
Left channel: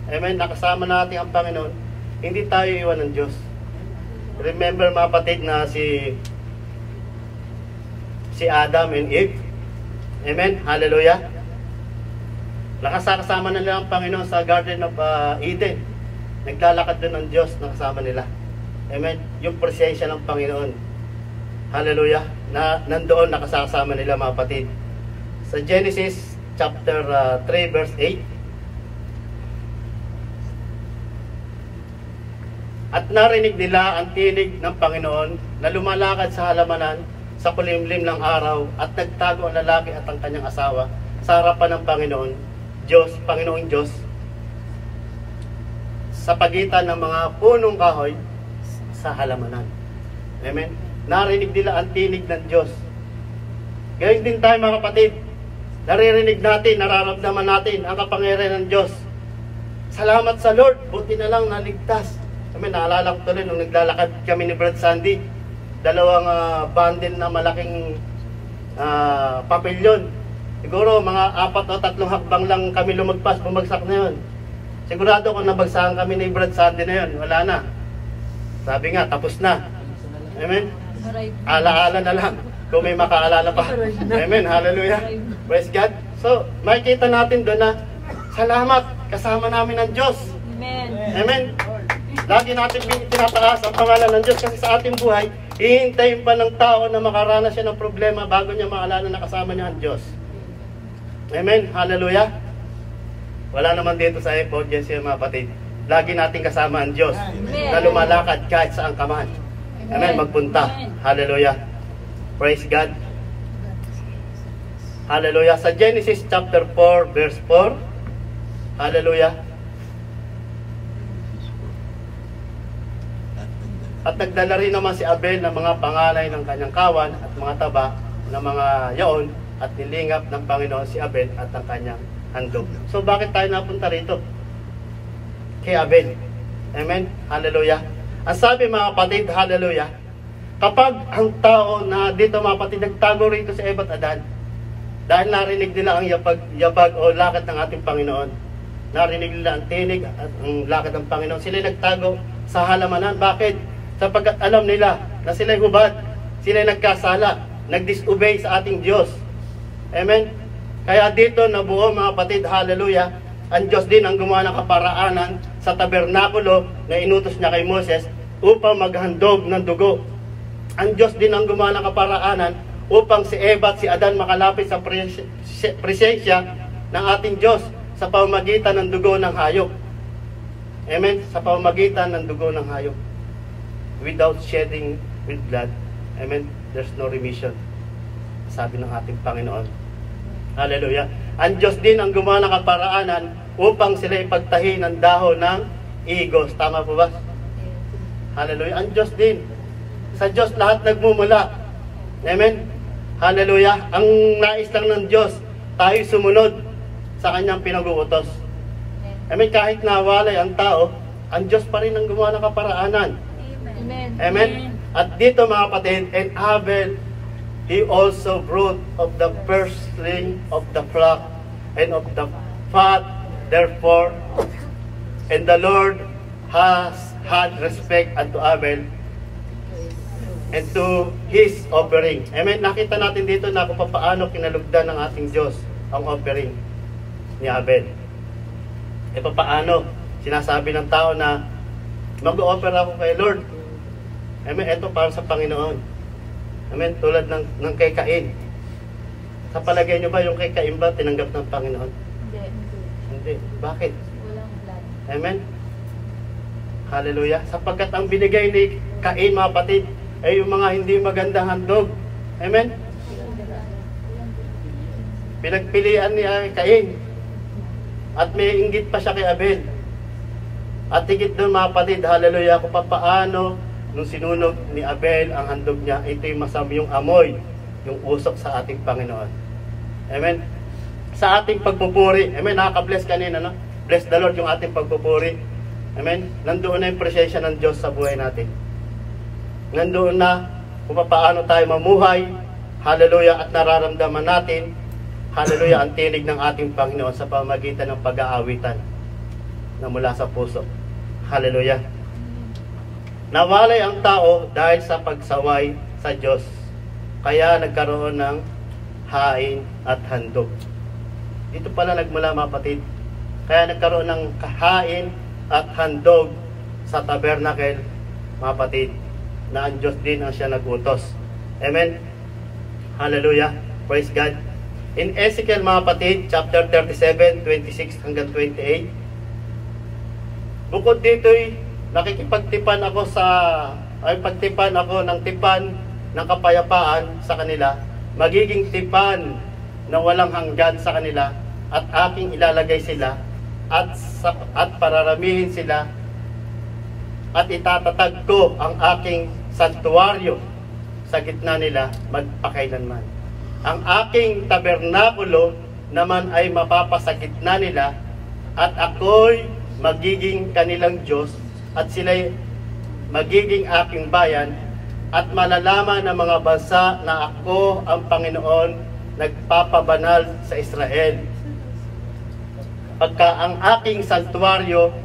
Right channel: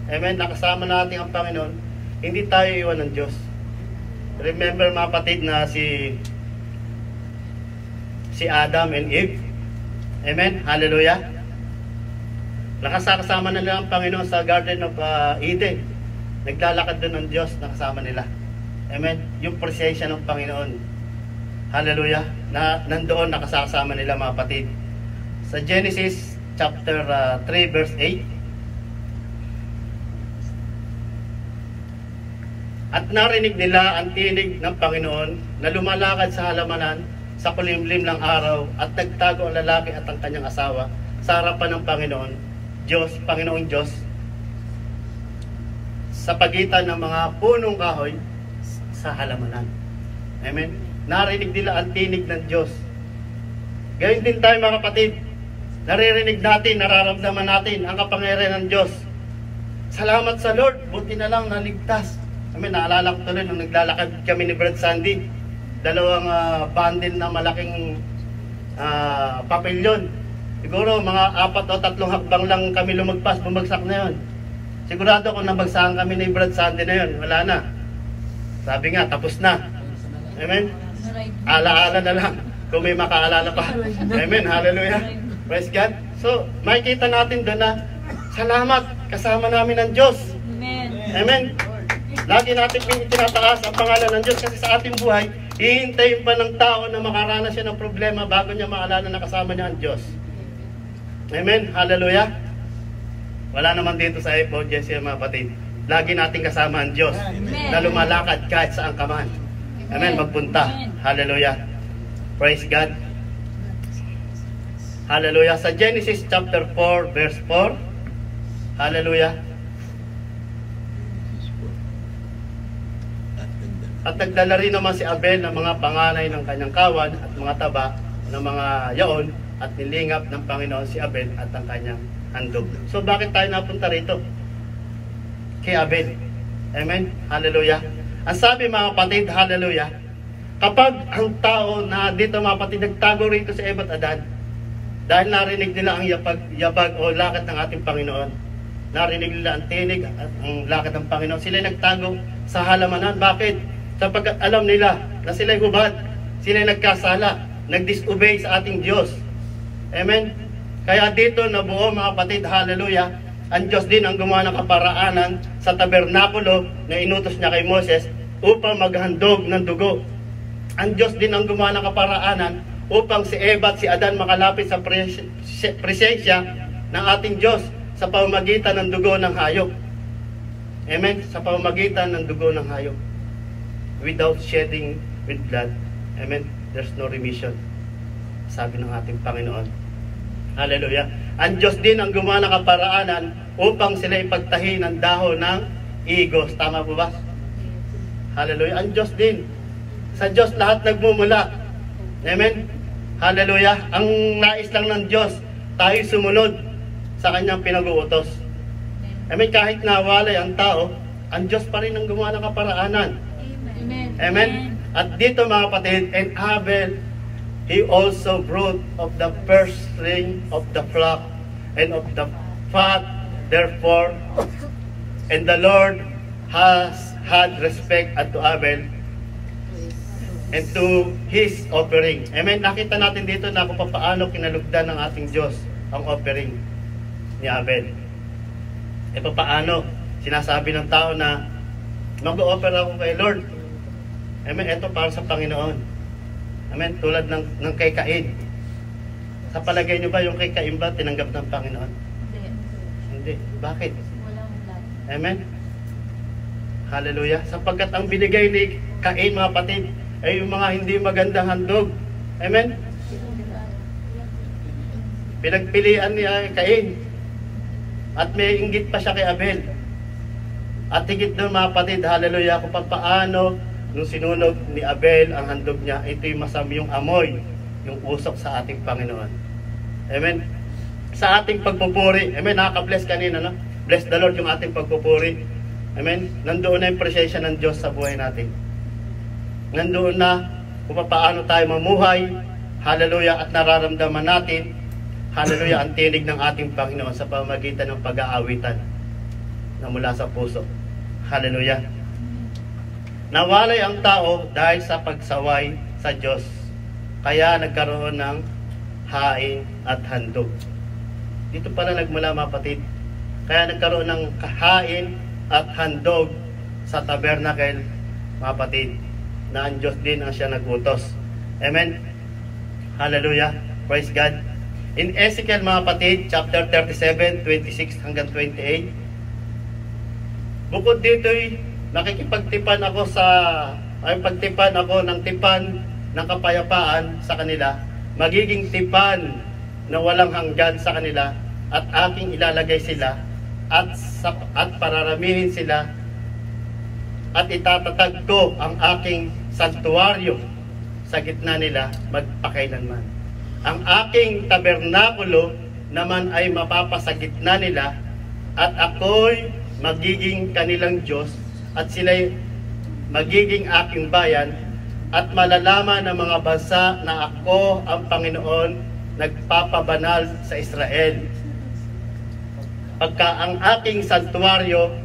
amen, nakasama natin ang Panginoon, hindi tayo iwan ng Diyos. Remember, mga kapatid, na si Adam and Eve. Amen. Hallelujah. Nakasama na nila ang Panginoon sa Garden of Eden. Naglalakad doon ng Diyos, nakasama nila. Amen. Yung presensya ng Panginoon. Hallelujah. Na nandoon nakasama nila, mga kapatid. Sa Genesis chapter 3 verse 8. At narinig nila ang tinig ng Panginoon na lumalakad sa halamanan sa kulimlim ng araw at nagtago ang lalaki at ang kanyang asawa sa harapan ng Panginoong Diyos sa pagitan ng mga punong kahoy sa halamanan. Amen. Narinig nila ang tinig ng Diyos. Gayon din tayo mga kapatid. Naririnig natin, nararamdaman natin ang kapangyarihan ng Diyos. Salamat sa Lord, buti na lang naligtas. Kami naalala ko tuloy nung naglalakad kami ni Brad Sandy, dalawang bundle na malaking papelyon. Siguro mga 4 o 3 hakbang lang kami lumagpas, bumagsak na yun. Sigurado kung nabagsakan kami ni Brad Sandy na yun, wala na. Sabi nga, tapos na. Amen? Alaala na lang kung may makaalala pa. Amen, hallelujah. Praise God. So, makikita natin doon na salamat, kasama namin ang Diyos. Amen. Amen. Lagi natin tinataas ang pangalan ng Diyos kasi sa ating buhay, hihintayin pa ng tao na makaranas siya ng problema bago niya maalala na kasama niya ang Diyos. Amen. Hallelujah. Wala naman dito sa audience mga kapatid. Lagi natin kasama ang Diyos na lumalakad kahit saan ka man. Amen. Magpunta. Hallelujah. Praise God. Hallelujah. Sa Genesis chapter 4 verse 4. Hallelujah. At nagdala rin naman si Abel ng mga pangalay ng kanyang kawan at mga taba ng mga yaon at nilingap ng Panginoon si Abel at ang kanyang handog. So bakit tayo napunta rito? Kay Abel. Amen? Hallelujah. Ang sabi mga kapatid, hallelujah, kapag ang tao na dito mga kapatid nagtago rito sa Eva at Adan, dahil narinig nila ang yapag o lakad ng ating Panginoon, narinig nila ang tinig at ang lakad ng Panginoon, sila nagtago sa halamanan. Bakit? Sapagkat alam nila na sila'y hubad, sila'y nagkasala, nag-disobey sa ating Diyos. Amen? Kaya dito nabuo mga kapatid, hallelujah, ang Diyos din ang gumawa ng kaparaanan sa tabernakulo na inutos niya kay Moses upang maghandog ng dugo. Ang Diyos din ang gumawa ng kaparaanan upang si Eva at si Adan makalapit sa presensya ng ating Diyos sa pamamagitan ng dugo ng hayop. Amen? Sa pamamagitan ng dugo ng hayop. Without shedding with blood, amen, there's no remission, sabi ng ating Panginoon. Hallelujah. Ang Diyos din ang gumawa ng kaparaanan upang sila ipagtahi ng dahon ng igos. Tama po ba? Hallelujah. Ang Diyos din. Sa Diyos lahat nagmumula. Amen. Hallelujah. Ang nais lang ng Diyos, tayo sumunod sa kanyang pinag-uutos. Amen. Kahit nawalay ang tao, ang Diyos pa rin ang gumawa ng kaparaanan. Amen. Amen. At dito mga kapatid, and Abel, he also brought of the firstling of the flock and of the fat, therefore, and the Lord has had respect unto Abel and to his offering. Amen. Nakita natin dito na kung paano kinalugdan ng ating Diyos ang offering ni Abel. E paano? Sinasabi ng tao na mag-o-offer ako kay Lord. Amen. Ito para sa Panginoon. Amen. Tulad ng kay Cain. Sa palagay nyo ba yung kay Cain ba tinanggap ng Panginoon? Hindi. Bakit? Walang blood. Amen. Hallelujah. Sapagkat ang binigay ni Cain mga kapatid ay yung mga hindi magandang handog. Amen. Pinagpilian ni Cain. At may inggit pa siya kay Abel. At higit doon mga kapatid, hallelujah, kung paano nung sinunog ni Abel ang handog niya, ito'y masama yung amoy, yung usok sa ating Panginoon. Amen. Sa ating pagpupuri, amen, nakaka-bless kanina, no? Bless the Lord yung ating pagpupuri. Amen. Nandoon na yung presensya ng Diyos sa buhay natin. Nandoon na kung paano tayo mamuhay, hallelujah, at nararamdaman natin, hallelujah, ang tinig ng ating Panginoon sa pamamagitan ng pag-aawitan na mula sa puso. Hallelujah. Nawalay ang tao dahil sa pagsaway sa Diyos. Kaya nagkaroon ng hain at handog. Dito pala nagmula mga kapatid. Kaya nagkaroon ng hain at handog sa tabernacle mga kapatid, na ang Diyos din ang siya nagutos. Amen. Hallelujah. Praise God. In Ezekiel mga kapatid, chapter 37, 26 hanggang 28, bukod dito'y nakikipagtipan ako pagtipan ako ng tipan ng kapayapaan sa kanila, magiging tipan na walang hanggan sa kanila, at aking ilalagay sila at pararamihin sila, at itatatag ko ang aking santuaryo sa gitna nila magpakailanman. Ang aking tabernakulo naman ay mapapasa gitna nila, at ako'y magiging kanilang Diyos, at sila'y magiging aking bayan, at malalaman ng mga bansa na ako ang Panginoon nagpapabanal sa Israel. Pagka ang aking santuaryo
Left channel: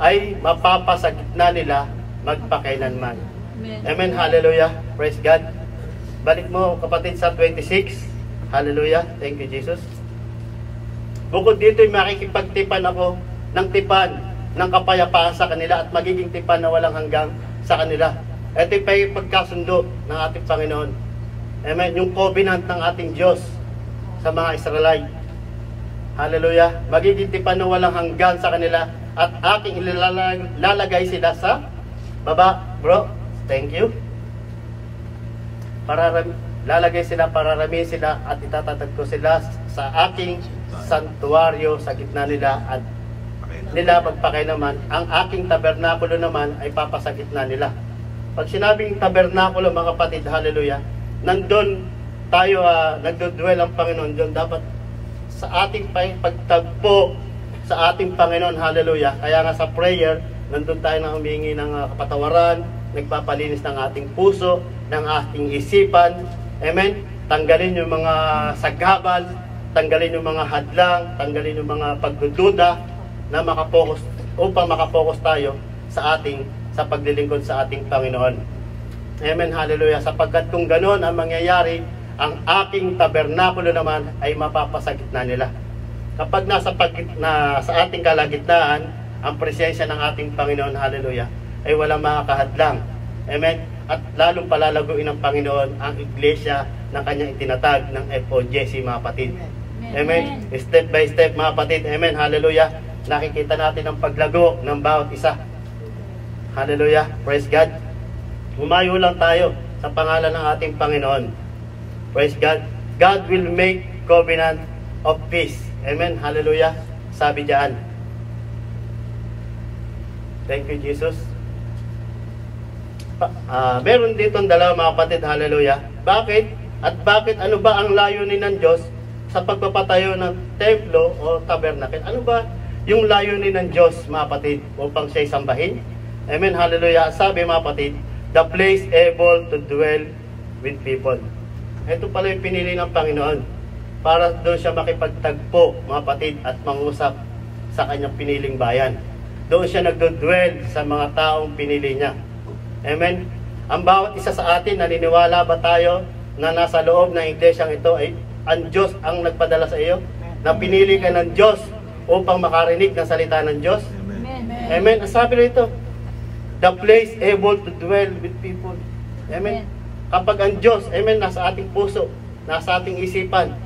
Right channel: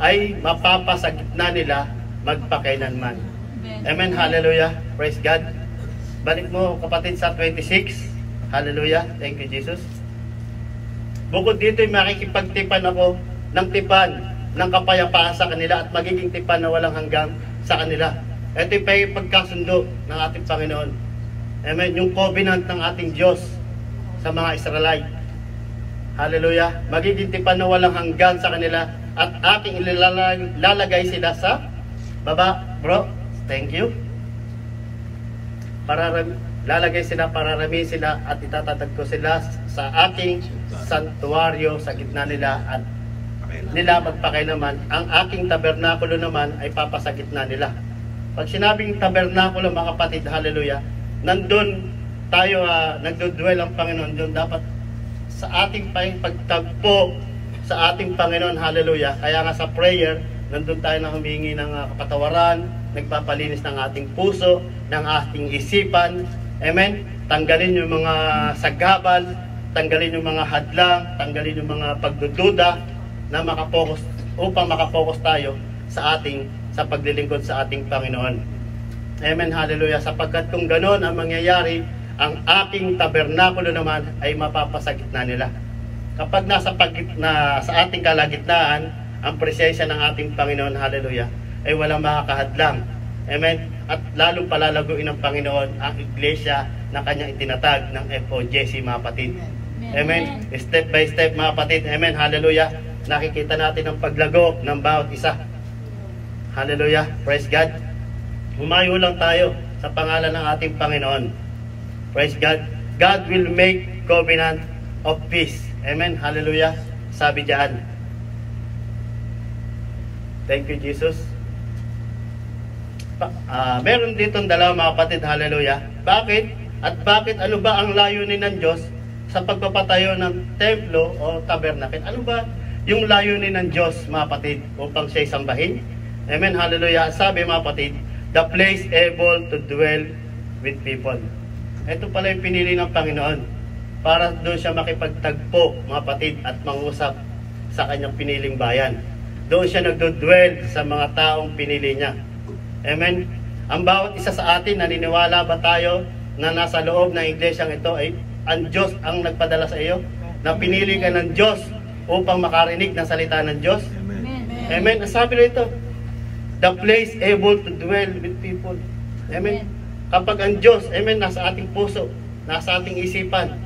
ay mapapasa gitna nila magpakailanman. Amen. Hallelujah. Praise God. Balik mo kapatid sa 26. Hallelujah. Thank you Jesus. Bukod dito ay makikipagtipan ako ng tipan ng kapayapaan sa kanila, at magiging tipan na walang hanggang sa kanila. Ito yung pagkasundo ng ating Panginoon. Amen. Yung covenant ng ating Diyos sa mga Israelite. Hallelujah. Magiging tipan na walang hanggan sa kanila, at aking ilalagay sila sa baba. Bro, thank you. Lalagay sila, pararamihin sila, at itatatag ko sila sa aking santuaryo sa gitna nila, at nila magpakailaman. Ang aking tabernakulo naman ay papasa gitna nila. Pag sinabing tabernakulo, mga kapatid, hallelujah, nandun tayo, nagdudwell ang Panginoon doon. Dapat sa ating pagtagpo sa ating Panginoon, hallelujah. Kaya nga sa prayer, nandun tayo na humingi ng kapatawaran, nagpapalinis ng ating puso, ng ating isipan. Amen. Tanggalin yung mga sagabal, tanggalin yung mga hadlang, tanggalin yung mga pagdududa, na upang makapokus tayo sa paglilingkod sa ating Panginoon. Amen, hallelujah. Sapagkat kung ganoon ang mangyayari, ang aking tabernakulo naman ay mapapasa gitna nila. Kapag sa ating kalagitnaan ang presensya ng ating Panginoon, hallelujah, ay walang makakahadlang. Amen. At lalong palalaguin ng Panginoon ang iglesia na kanyang itinatag ng FOJC, mga kapatid. Amen. Step by step, mga kapatid. Amen, hallelujah. Nakikita natin ang paglago ng bawat isa. Hallelujah. Praise God. Humayo lang tayo sa pangalan ng ating Panginoon. Praise God. God will make covenant of peace. Amen. Hallelujah. Sabi diyan. Thank you, Jesus. Meron dito dalawa, mga kapatid. Hallelujah. Bakit? At bakit? Ano ba ang layunin ng Diyos sa pagpapatayo ng templo o tabernacle? Ano ba yung layunin ng Diyos, mga kapatid, upang siya'y sambahin? Amen, hallelujah. Sabi, mga kapatid, the place able to dwell with people. Ito pala yung pinili ng Panginoon para doon siya makipagtagpo, mga kapatid, at mangusap sa kanyang piniling bayan. Doon siya nagdodwell sa mga taong pinili niya. Amen. Ang bawat isa sa atin, naniniwala ba tayo na nasa loob ng iglesyang ito ay ang Diyos ang nagpadala sa iyo? Na pinili ka ng Diyos upang makarinig ng salita ng Diyos? Amen. Amen. Ang sabi rito, the place able to dwell with people. Amen. Kapag ang Diyos, amen, nasa ating puso, nasa ating isipan.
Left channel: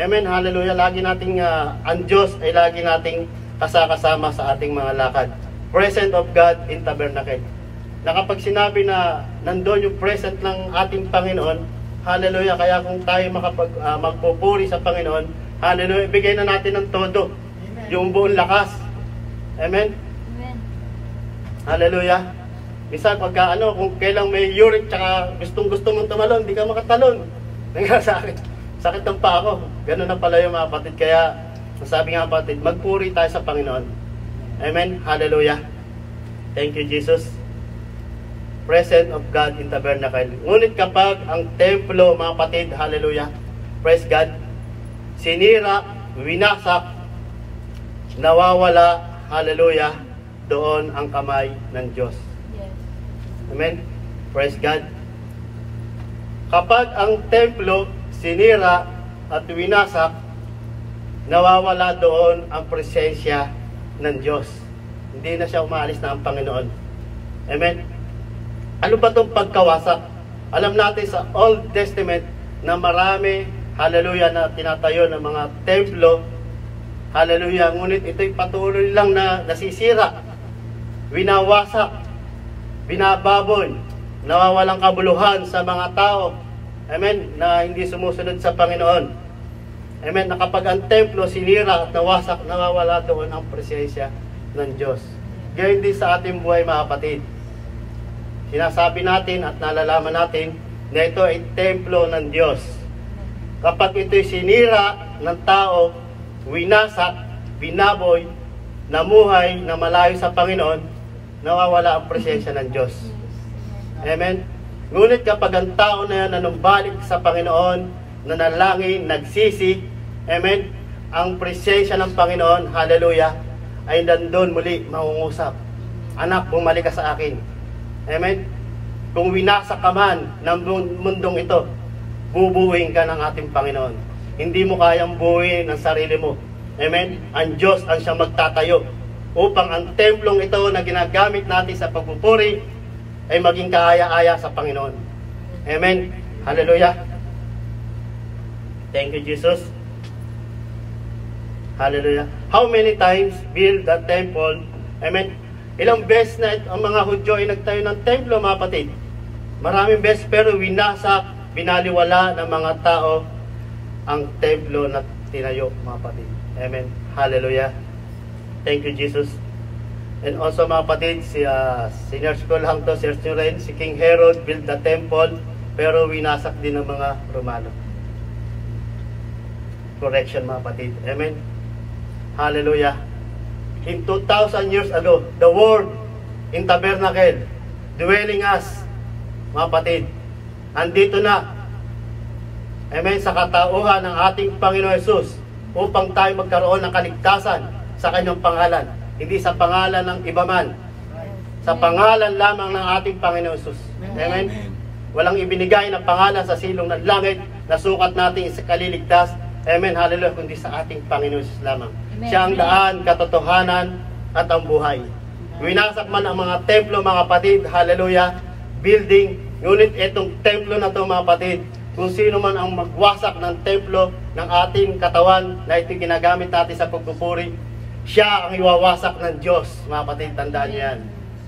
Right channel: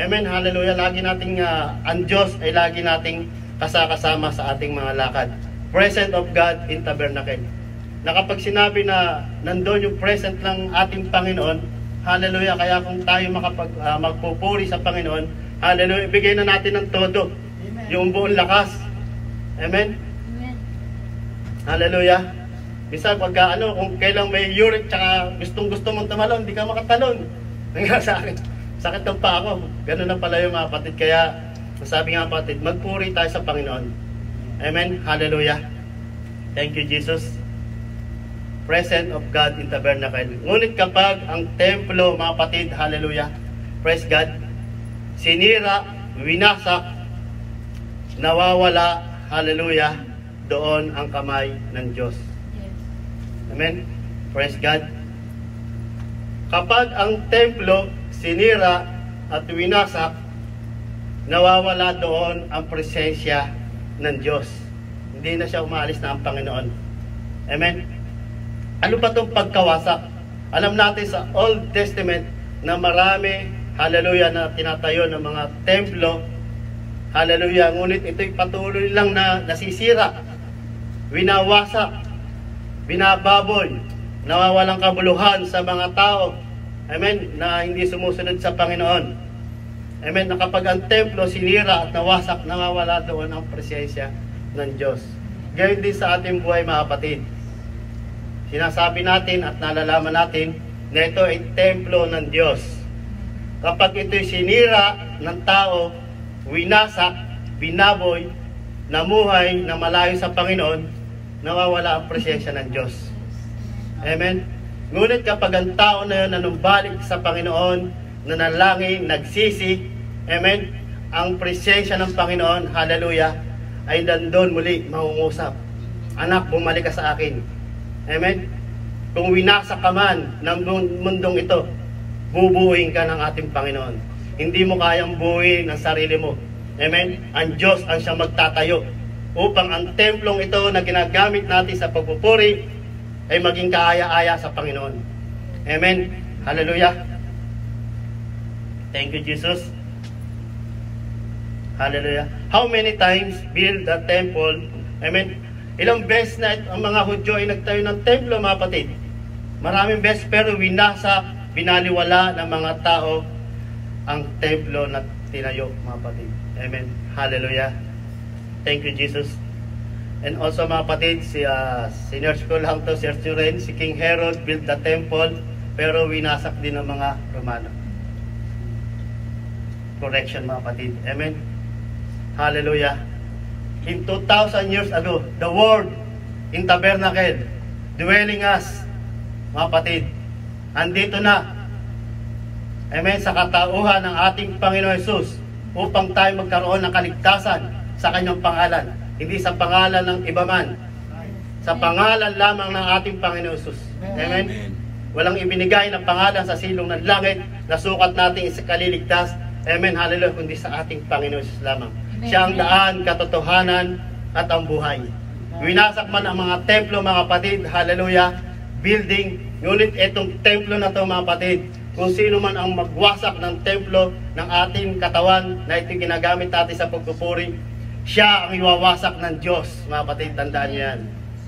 Amen. Hallelujah. Lagi nating, ang Diyos ay lagi nating kasakasama sa ating mga lakad. Presence of God in tabernacle. Na kapag sinabi na nandoon yung present ng ating Panginoon, hallelujah, kaya kung tayo magpupuri sa Panginoon, hallelujah, ibigay na natin ng todo. Amen. Yung buong lakas. Amen. Amen. Hallelujah. Bisa pagka kung kailang may uric tsaka gustong-gusto mong tumalon, di ka makatalon. Nga sakit ng pa ako. Ganun na pala yung mga kapatid. Kaya sabi nga kapatid, magpuri tayo sa Panginoon. Amen. Hallelujah. Thank you, Jesus. Presence of God in tabernacle. Ngunit kapag ang templo, mga kapatid, hallelujah, praise God, sinira, winasak, nawawala, hallelujah, doon ang kamay ng Diyos. Yes. Amen. Praise God. Kapag ang templo sinira at winasak, nawawala doon ang presensya ng Diyos. Hindi na siya umaalis na ang Panginoon. Amen. Ano ba itong pagkawasak? Alam natin sa Old Testament na marami, hallelujah, na tinatayo ng mga templo, hallelujah, ngunit ito'y patuloy lang na nasisira. winawasak, binababoy, nawawalang kabuluhan sa mga tao, amen, na hindi sumusunod sa Panginoon. Amen, na kapag ang templo sinira at nawasak, nawawala doon ang presensya ng Diyos. Gayon din sa ating buhay, mga kapatid. Sinasabi natin at nalalaman natin na ito ay templo ng Diyos. Kapag ito'y sinira ng tao, winasak, binaboy, namuhay na malayo sa Panginoon, nawawala ang presensya ng Diyos. Amen. Ngunit kapag ang tao na nanumbalik sa Panginoon, nanalangin, nagsisi, amen, ang presensya ng Panginoon, hallelujah, ay nandun muli mangungusap. Anak, bumalik ka sa akin. Amen. Kung winasak ka man ng mundong ito, bubuuin ka ng ating Panginoon. Hindi mo kayang buuin ang sarili mo. Amen. Ang Diyos ang siyang magtatayo upang ang templong ito na ginagamit natin sa pagpupuri ay maging kaaya-aya sa Panginoon. Amen. Hallelujah. Thank you, Jesus. Hallelujah. How many times build the temple? Amen. Ilang beses na ang mga Hudyo ay nagtayo ng templo, mga kapatid. Maraming beses, pero winasak, binaliwala ng mga tao ang templo na tinayo, mga kapatid. Amen. Hallelujah. Thank you, Jesus. And also, mga kapatid, si Senior School Hangto, Sir Turen, si King Herod built the temple, pero winasak din ng mga Romano. Correction, mga kapatid. Amen. Hallelujah. In 2,000 years ago, the Word in tabernacle, dwelling us, mga kapatid, andito na. Amen. Sa katauhan ng ating Panginoon Jesus, upang tayo magkaroon ng kaligtasan sa kanyang pangalan. Hindi sa pangalan ng iba man. Sa pangalan lamang ng ating Panginoon Jesus. Amen. Walang ibinigay na pangalan sa silong ng langit na sukat natin sa kaliligtas. Amen. Hallelujah. Kundi sa ating Panginoon Jesus lamang. Siya ang daan, katotohanan, at ang buhay. Winasak man ang mga templo, mga kapatid, hallelujah, building, ngunit itong templo na ito, mga kapatid, kung sino man ang magwasak ng templo ng ating katawan na ito ginagamit natin sa pagpupuri, siya ang iwawasak ng Diyos, mga kapatid, tandaan niyo yan.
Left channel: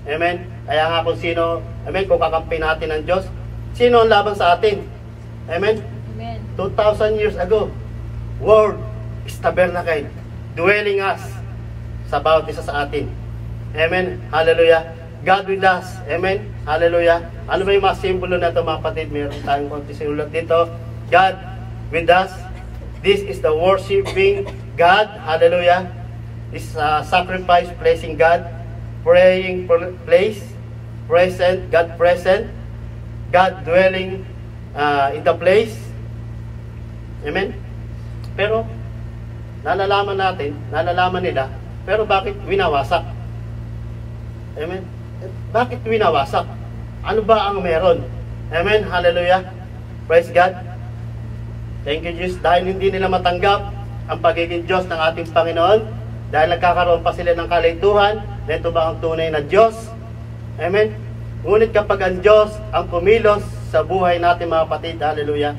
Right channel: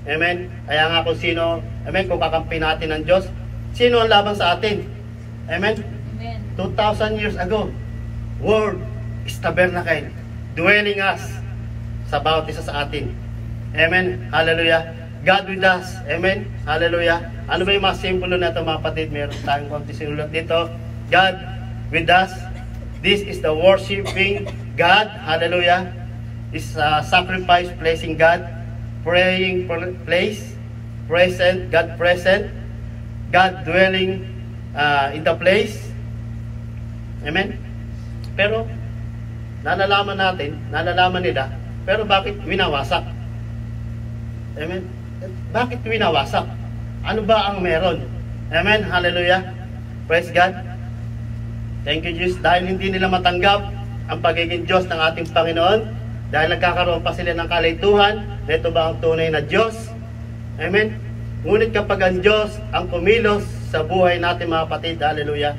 Amen? Kaya nga kung sino, amen, kung kakampi natin ng Diyos, sino ang laban sa atin? Amen? Amen. 2,000 years ago, Word is tabernacle, dwelling us sa bawat isa sa atin. Amen. Hallelujah. God with us. Amen. Hallelujah. Ano ba yung mga simbolo na ito, mga kapatid? Meron tayong konti sinulat dito. God with us. This is the worshiping God. Hallelujah. This sacrifice, blessing God. Praying place. Present. God present. God dwelling in the place. Amen. Pero nalalaman natin, nalalaman nila, pero bakit winawasak? Amen? Bakit winawasak? Ano ba ang meron? Amen? Hallelujah. Praise God. Thank you, Jesus. Dahil hindi nila matanggap ang pagiging Diyos ng ating Panginoon, dahil nagkakaroon pa sila ng kalituhan, na ito ba ang tunay na Diyos? Amen? Ngunit kapag ang Diyos ang kumilos sa buhay natin, mga kapatid, hallelujah,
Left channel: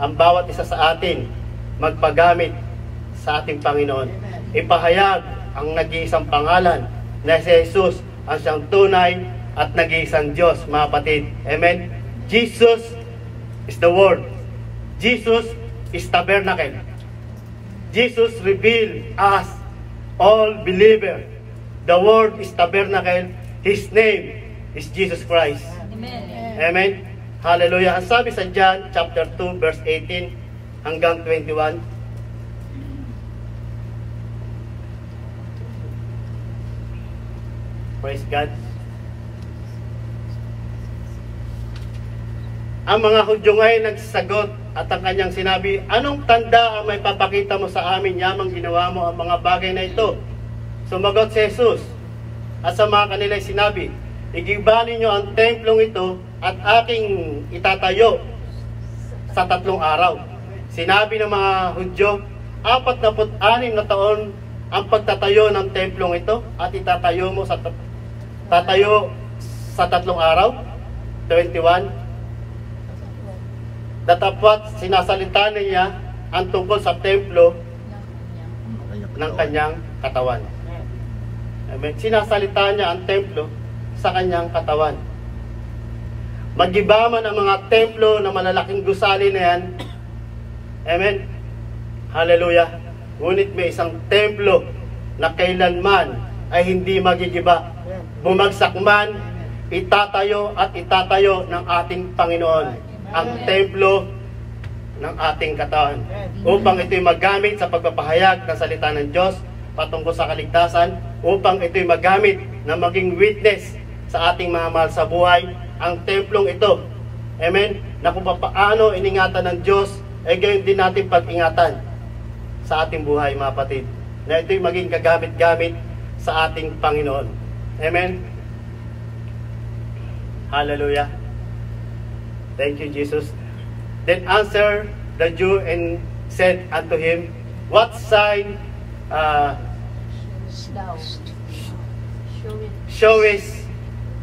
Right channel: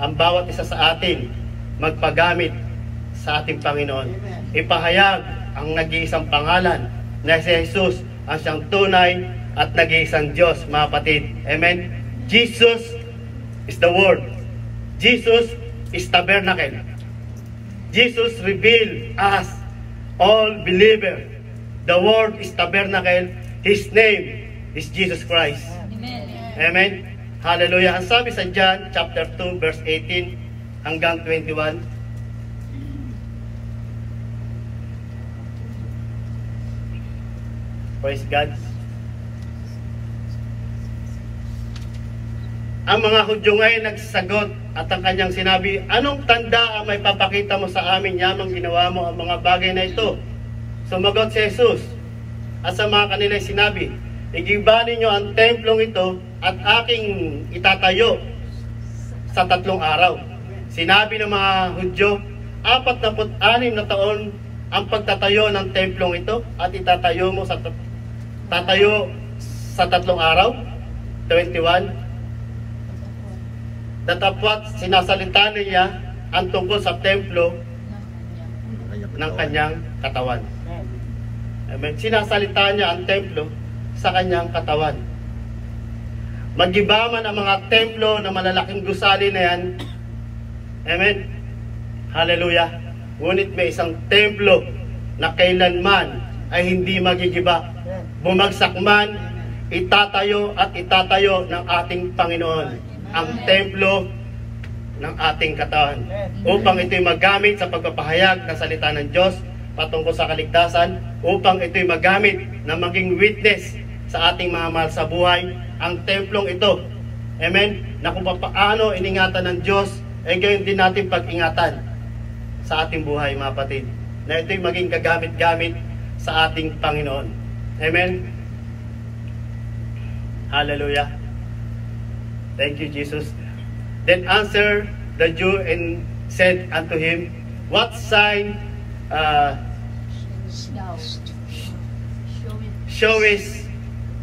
ang bawat isa sa atin magpagamit sa ating Panginoon. Ipahayag ang nag-iisang pangalan na si Jesus ang siyang tunay at nag-iisang Diyos, mga kapatid. Amen? Jesus is the Word. Jesus is tabernacle. Jesus revealed us, all believer. The Word is tabernacle. His name is Jesus Christ. Amen. Amen? Hallelujah. Ang sabi sa John chapter 2 verse 18 hanggang 21, praise God. Ang mga Hudyo ngayon nagsasagot at ang kanyang sinabi, anong tanda ang may papakita mo sa amin yamang ginawa mo ang mga bagay na ito? Sumagot si Jesus at sa mga kanila sinabi, igiba ninyo ang templong ito at aking itatayo sa 3 araw. Sinabi ng mga Hudyo, 46 na taon ang pagtatayo ng templong ito at itatayo mo sa tatayo sa 3 araw. 21. Datapwat sinasalita niya ang tungkol sa templo ng kanyang katawan. Amen. Sinasalita niya ang templo sa kanyang katawan. Magiba man ang mga templo na malalaking gusali na yan. Amen. Hallelujah. Ngunit may isang templo na kailanman ay hindi magigiba. Bumagsak man, itatayo at itatayo ng ating Panginoon ang templo ng ating katawan upang ito'y magamit sa pagpapahayag ng salita ng Diyos patungkol sa kaligtasan, upang ito'y magamit na maging witness sa ating mga mahal sa buhay ang templong ito. Amen? Na kung paano iningatan ng Diyos, ay gayon din natin pag-ingatan sa ating buhay, mga kapatid. Na ito'y maging kagamit-gamit sa ating Panginoon. Amen? Hallelujah. Thank you, Jesus. Then answered the Jew and said unto him, What sign showest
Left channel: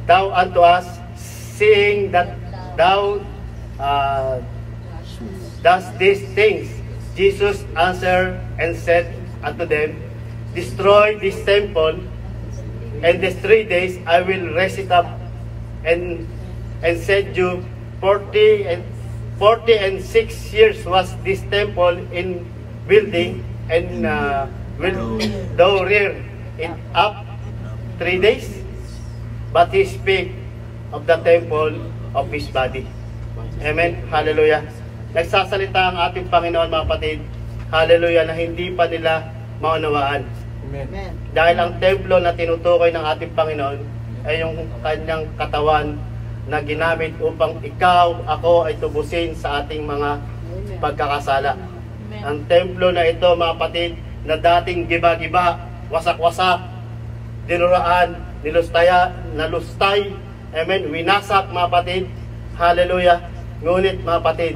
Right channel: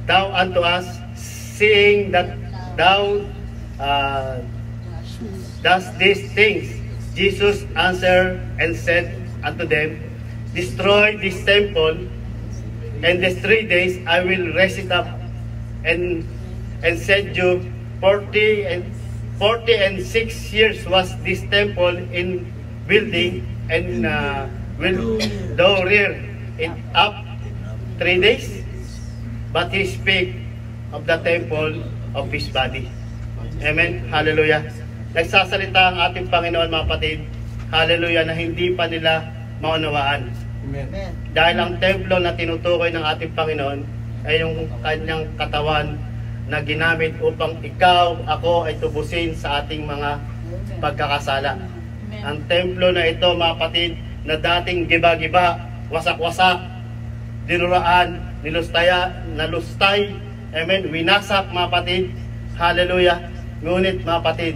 thou unto us, seeing that thou dost these things? Jesus answered and said unto them, Destroy this temple, and in 3 days I will raise it up. And said you, 40 and 6 years was this temple in building, and will thou rear it up 3 days? But he spake of the temple of his body. Amen. Hallelujah. Nagsasalita ang ating Panginoon, mga kapatid. Hallelujah, na hindi pa nila maunawaan. Amen. Dahil ang templo na tinutukoy ng ating Panginoon ay yung kanyang katawan na ginamit upang ikaw, ako ay tubusin sa ating mga pagkakasala. Ang templo na ito, mga kapatid, na dating giba-giba, wasak-wasak, dinuraan, nalustay, amen, winasak, mga kapatid. Hallelujah. Ngunit, mga kapatid,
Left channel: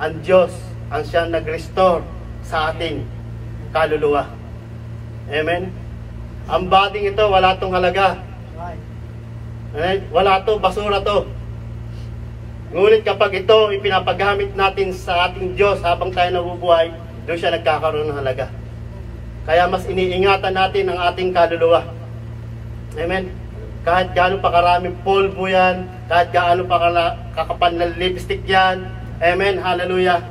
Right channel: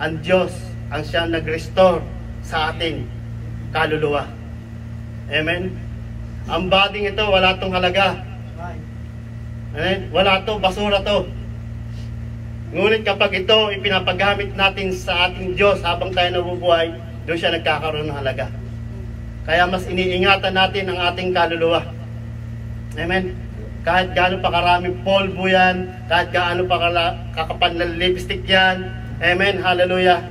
ang Diyos ang siyang nag-restore sa ating kaluluwa. Amen. Ang bading ito, wala tong halaga. Amen? Wala to, basura to. Ngunit kapag ito ipinapagamit natin sa ating Diyos habang tayo nabubuhay, doon siya nagkakaroon ng halaga. Kaya mas iniingatan natin ang ating kaluluwa. Amen? Kahit gaano pa karaming polvo yan, kahit gaano pa kakapal na lipstick yan, amen, hallelujah,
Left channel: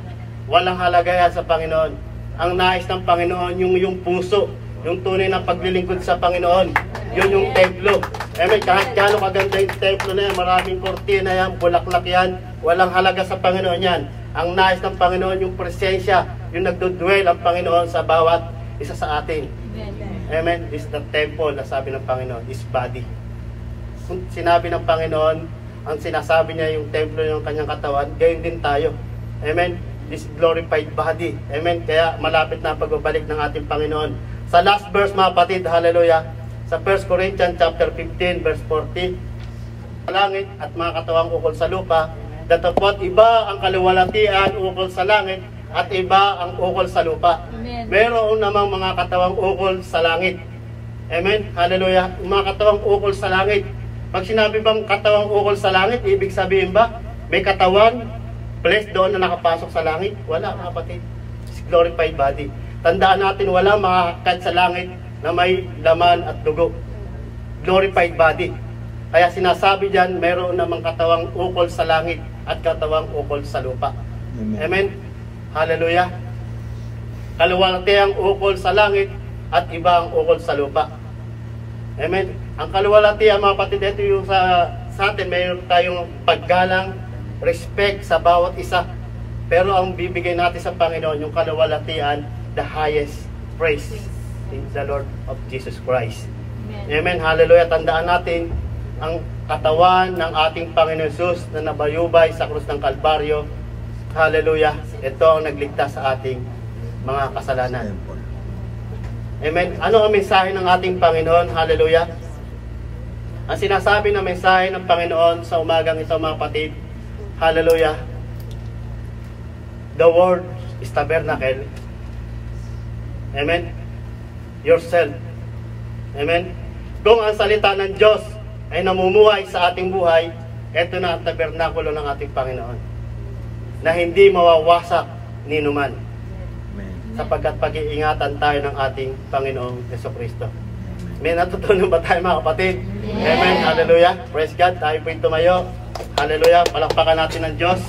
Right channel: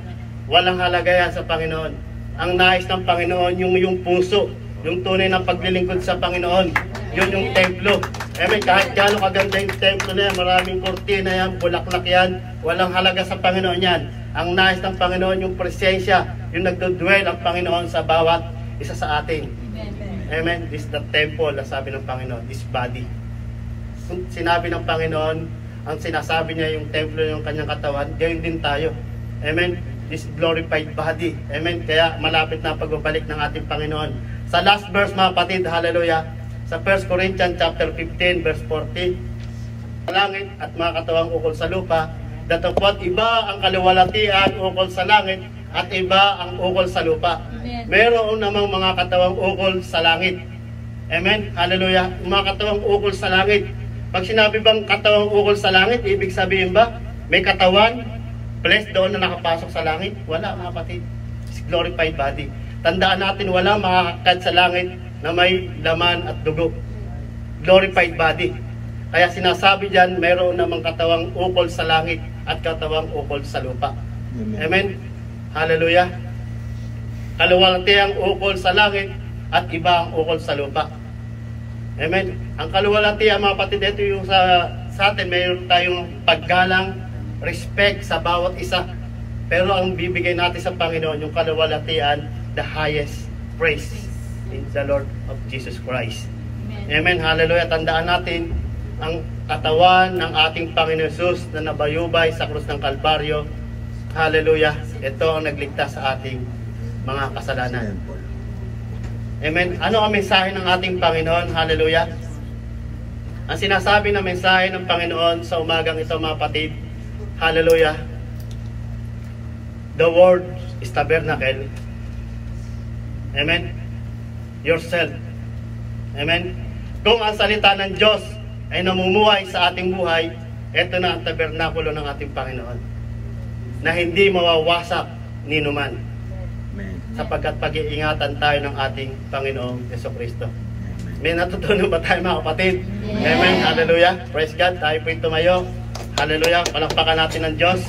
walang halaga yan sa Panginoon. Ang nais ng Panginoon, yung puso, yung tunay na paglilingkod sa Panginoon, yun yung templo. Amen, kahit gaano kaganda yung templo na yan, maraming kortina yan, bulaklak yan, walang halaga sa Panginoon yan. Ang nais ng Panginoon, yung presensya, yung nagdudwell ang Panginoon sa bawat isa sa atin. Amen. This is the temple, na sabi ng Panginoon, His body. Sinabi ng Panginoon, ang sinasabi niya yung templo ng kanyang katawan, gayon din tayo. Amen. This glorified body. Amen. Kaya malapit na pagbabalik ng ating Panginoon. Sa last verse, mga kapatid, hallelujah, sa 1 Corinthians chapter 15 verse 40, langit at mga katawang ukol sa lupa, datapwat iba ang kaluwalhatian ukol sa langit at iba ang ukol sa lupa. Amen. Meron namang mga katawang ukol sa langit. Amen. Hallelujah. Mga katawang ukol sa langit. Pag sinabi bang katawang ukol sa langit, ibig sabihin ba may katawan, flesh doon na nakapasok sa langit? Wala, mga kapatid. It's glorified body. Tandaan natin, wala makakakad sa langit na may laman at dugo. Glorified body. Kaya sinasabi dyan, mayroon namang katawang ukol sa langit at katawang ukol sa lupa. Amen. Hallelujah. Kaluwalhatiang ukol sa langit at iba ang ukol sa lupa. Amen. Ang kaluwalhatian, mga kapatid, ito yung sa atin, mayroon tayong paggalang, respect sa bawat isa. Pero ang bibigay natin sa Panginoon, yung kaluwalhatian, the highest praise in the Lord of Jesus Christ. Amen. Hallelujah. Tandaan natin ang katawan ng ating Panginoon Jesus na nabayubay sa krus ng Kalbaryo. Hallelujah. Ito ang nagligtas sa ating mga kasalanan. Amen. Ano ang mensahe ng ating Panginoon? Hallelujah. Ang sinasabi ng mensahe ng Panginoon sa umagang ito, mga kapatid, hallelujah, the word is tabernacle. Amen. Yourself. Amen. Kung ang salita ng Diyos ay namumuhay sa ating buhay, ito na ang tabernakulo ng ating Panginoon, na hindi mawawasak ni numan, sapagkat pag-iingatan tayo ng ating Panginoong Jesucristo. May natutunan ba tayo mga kapatid? Yes. Amen. Hallelujah. Praise God. Tayo po tumayo. Hallelujah. Palakpakan natin ng Diyos.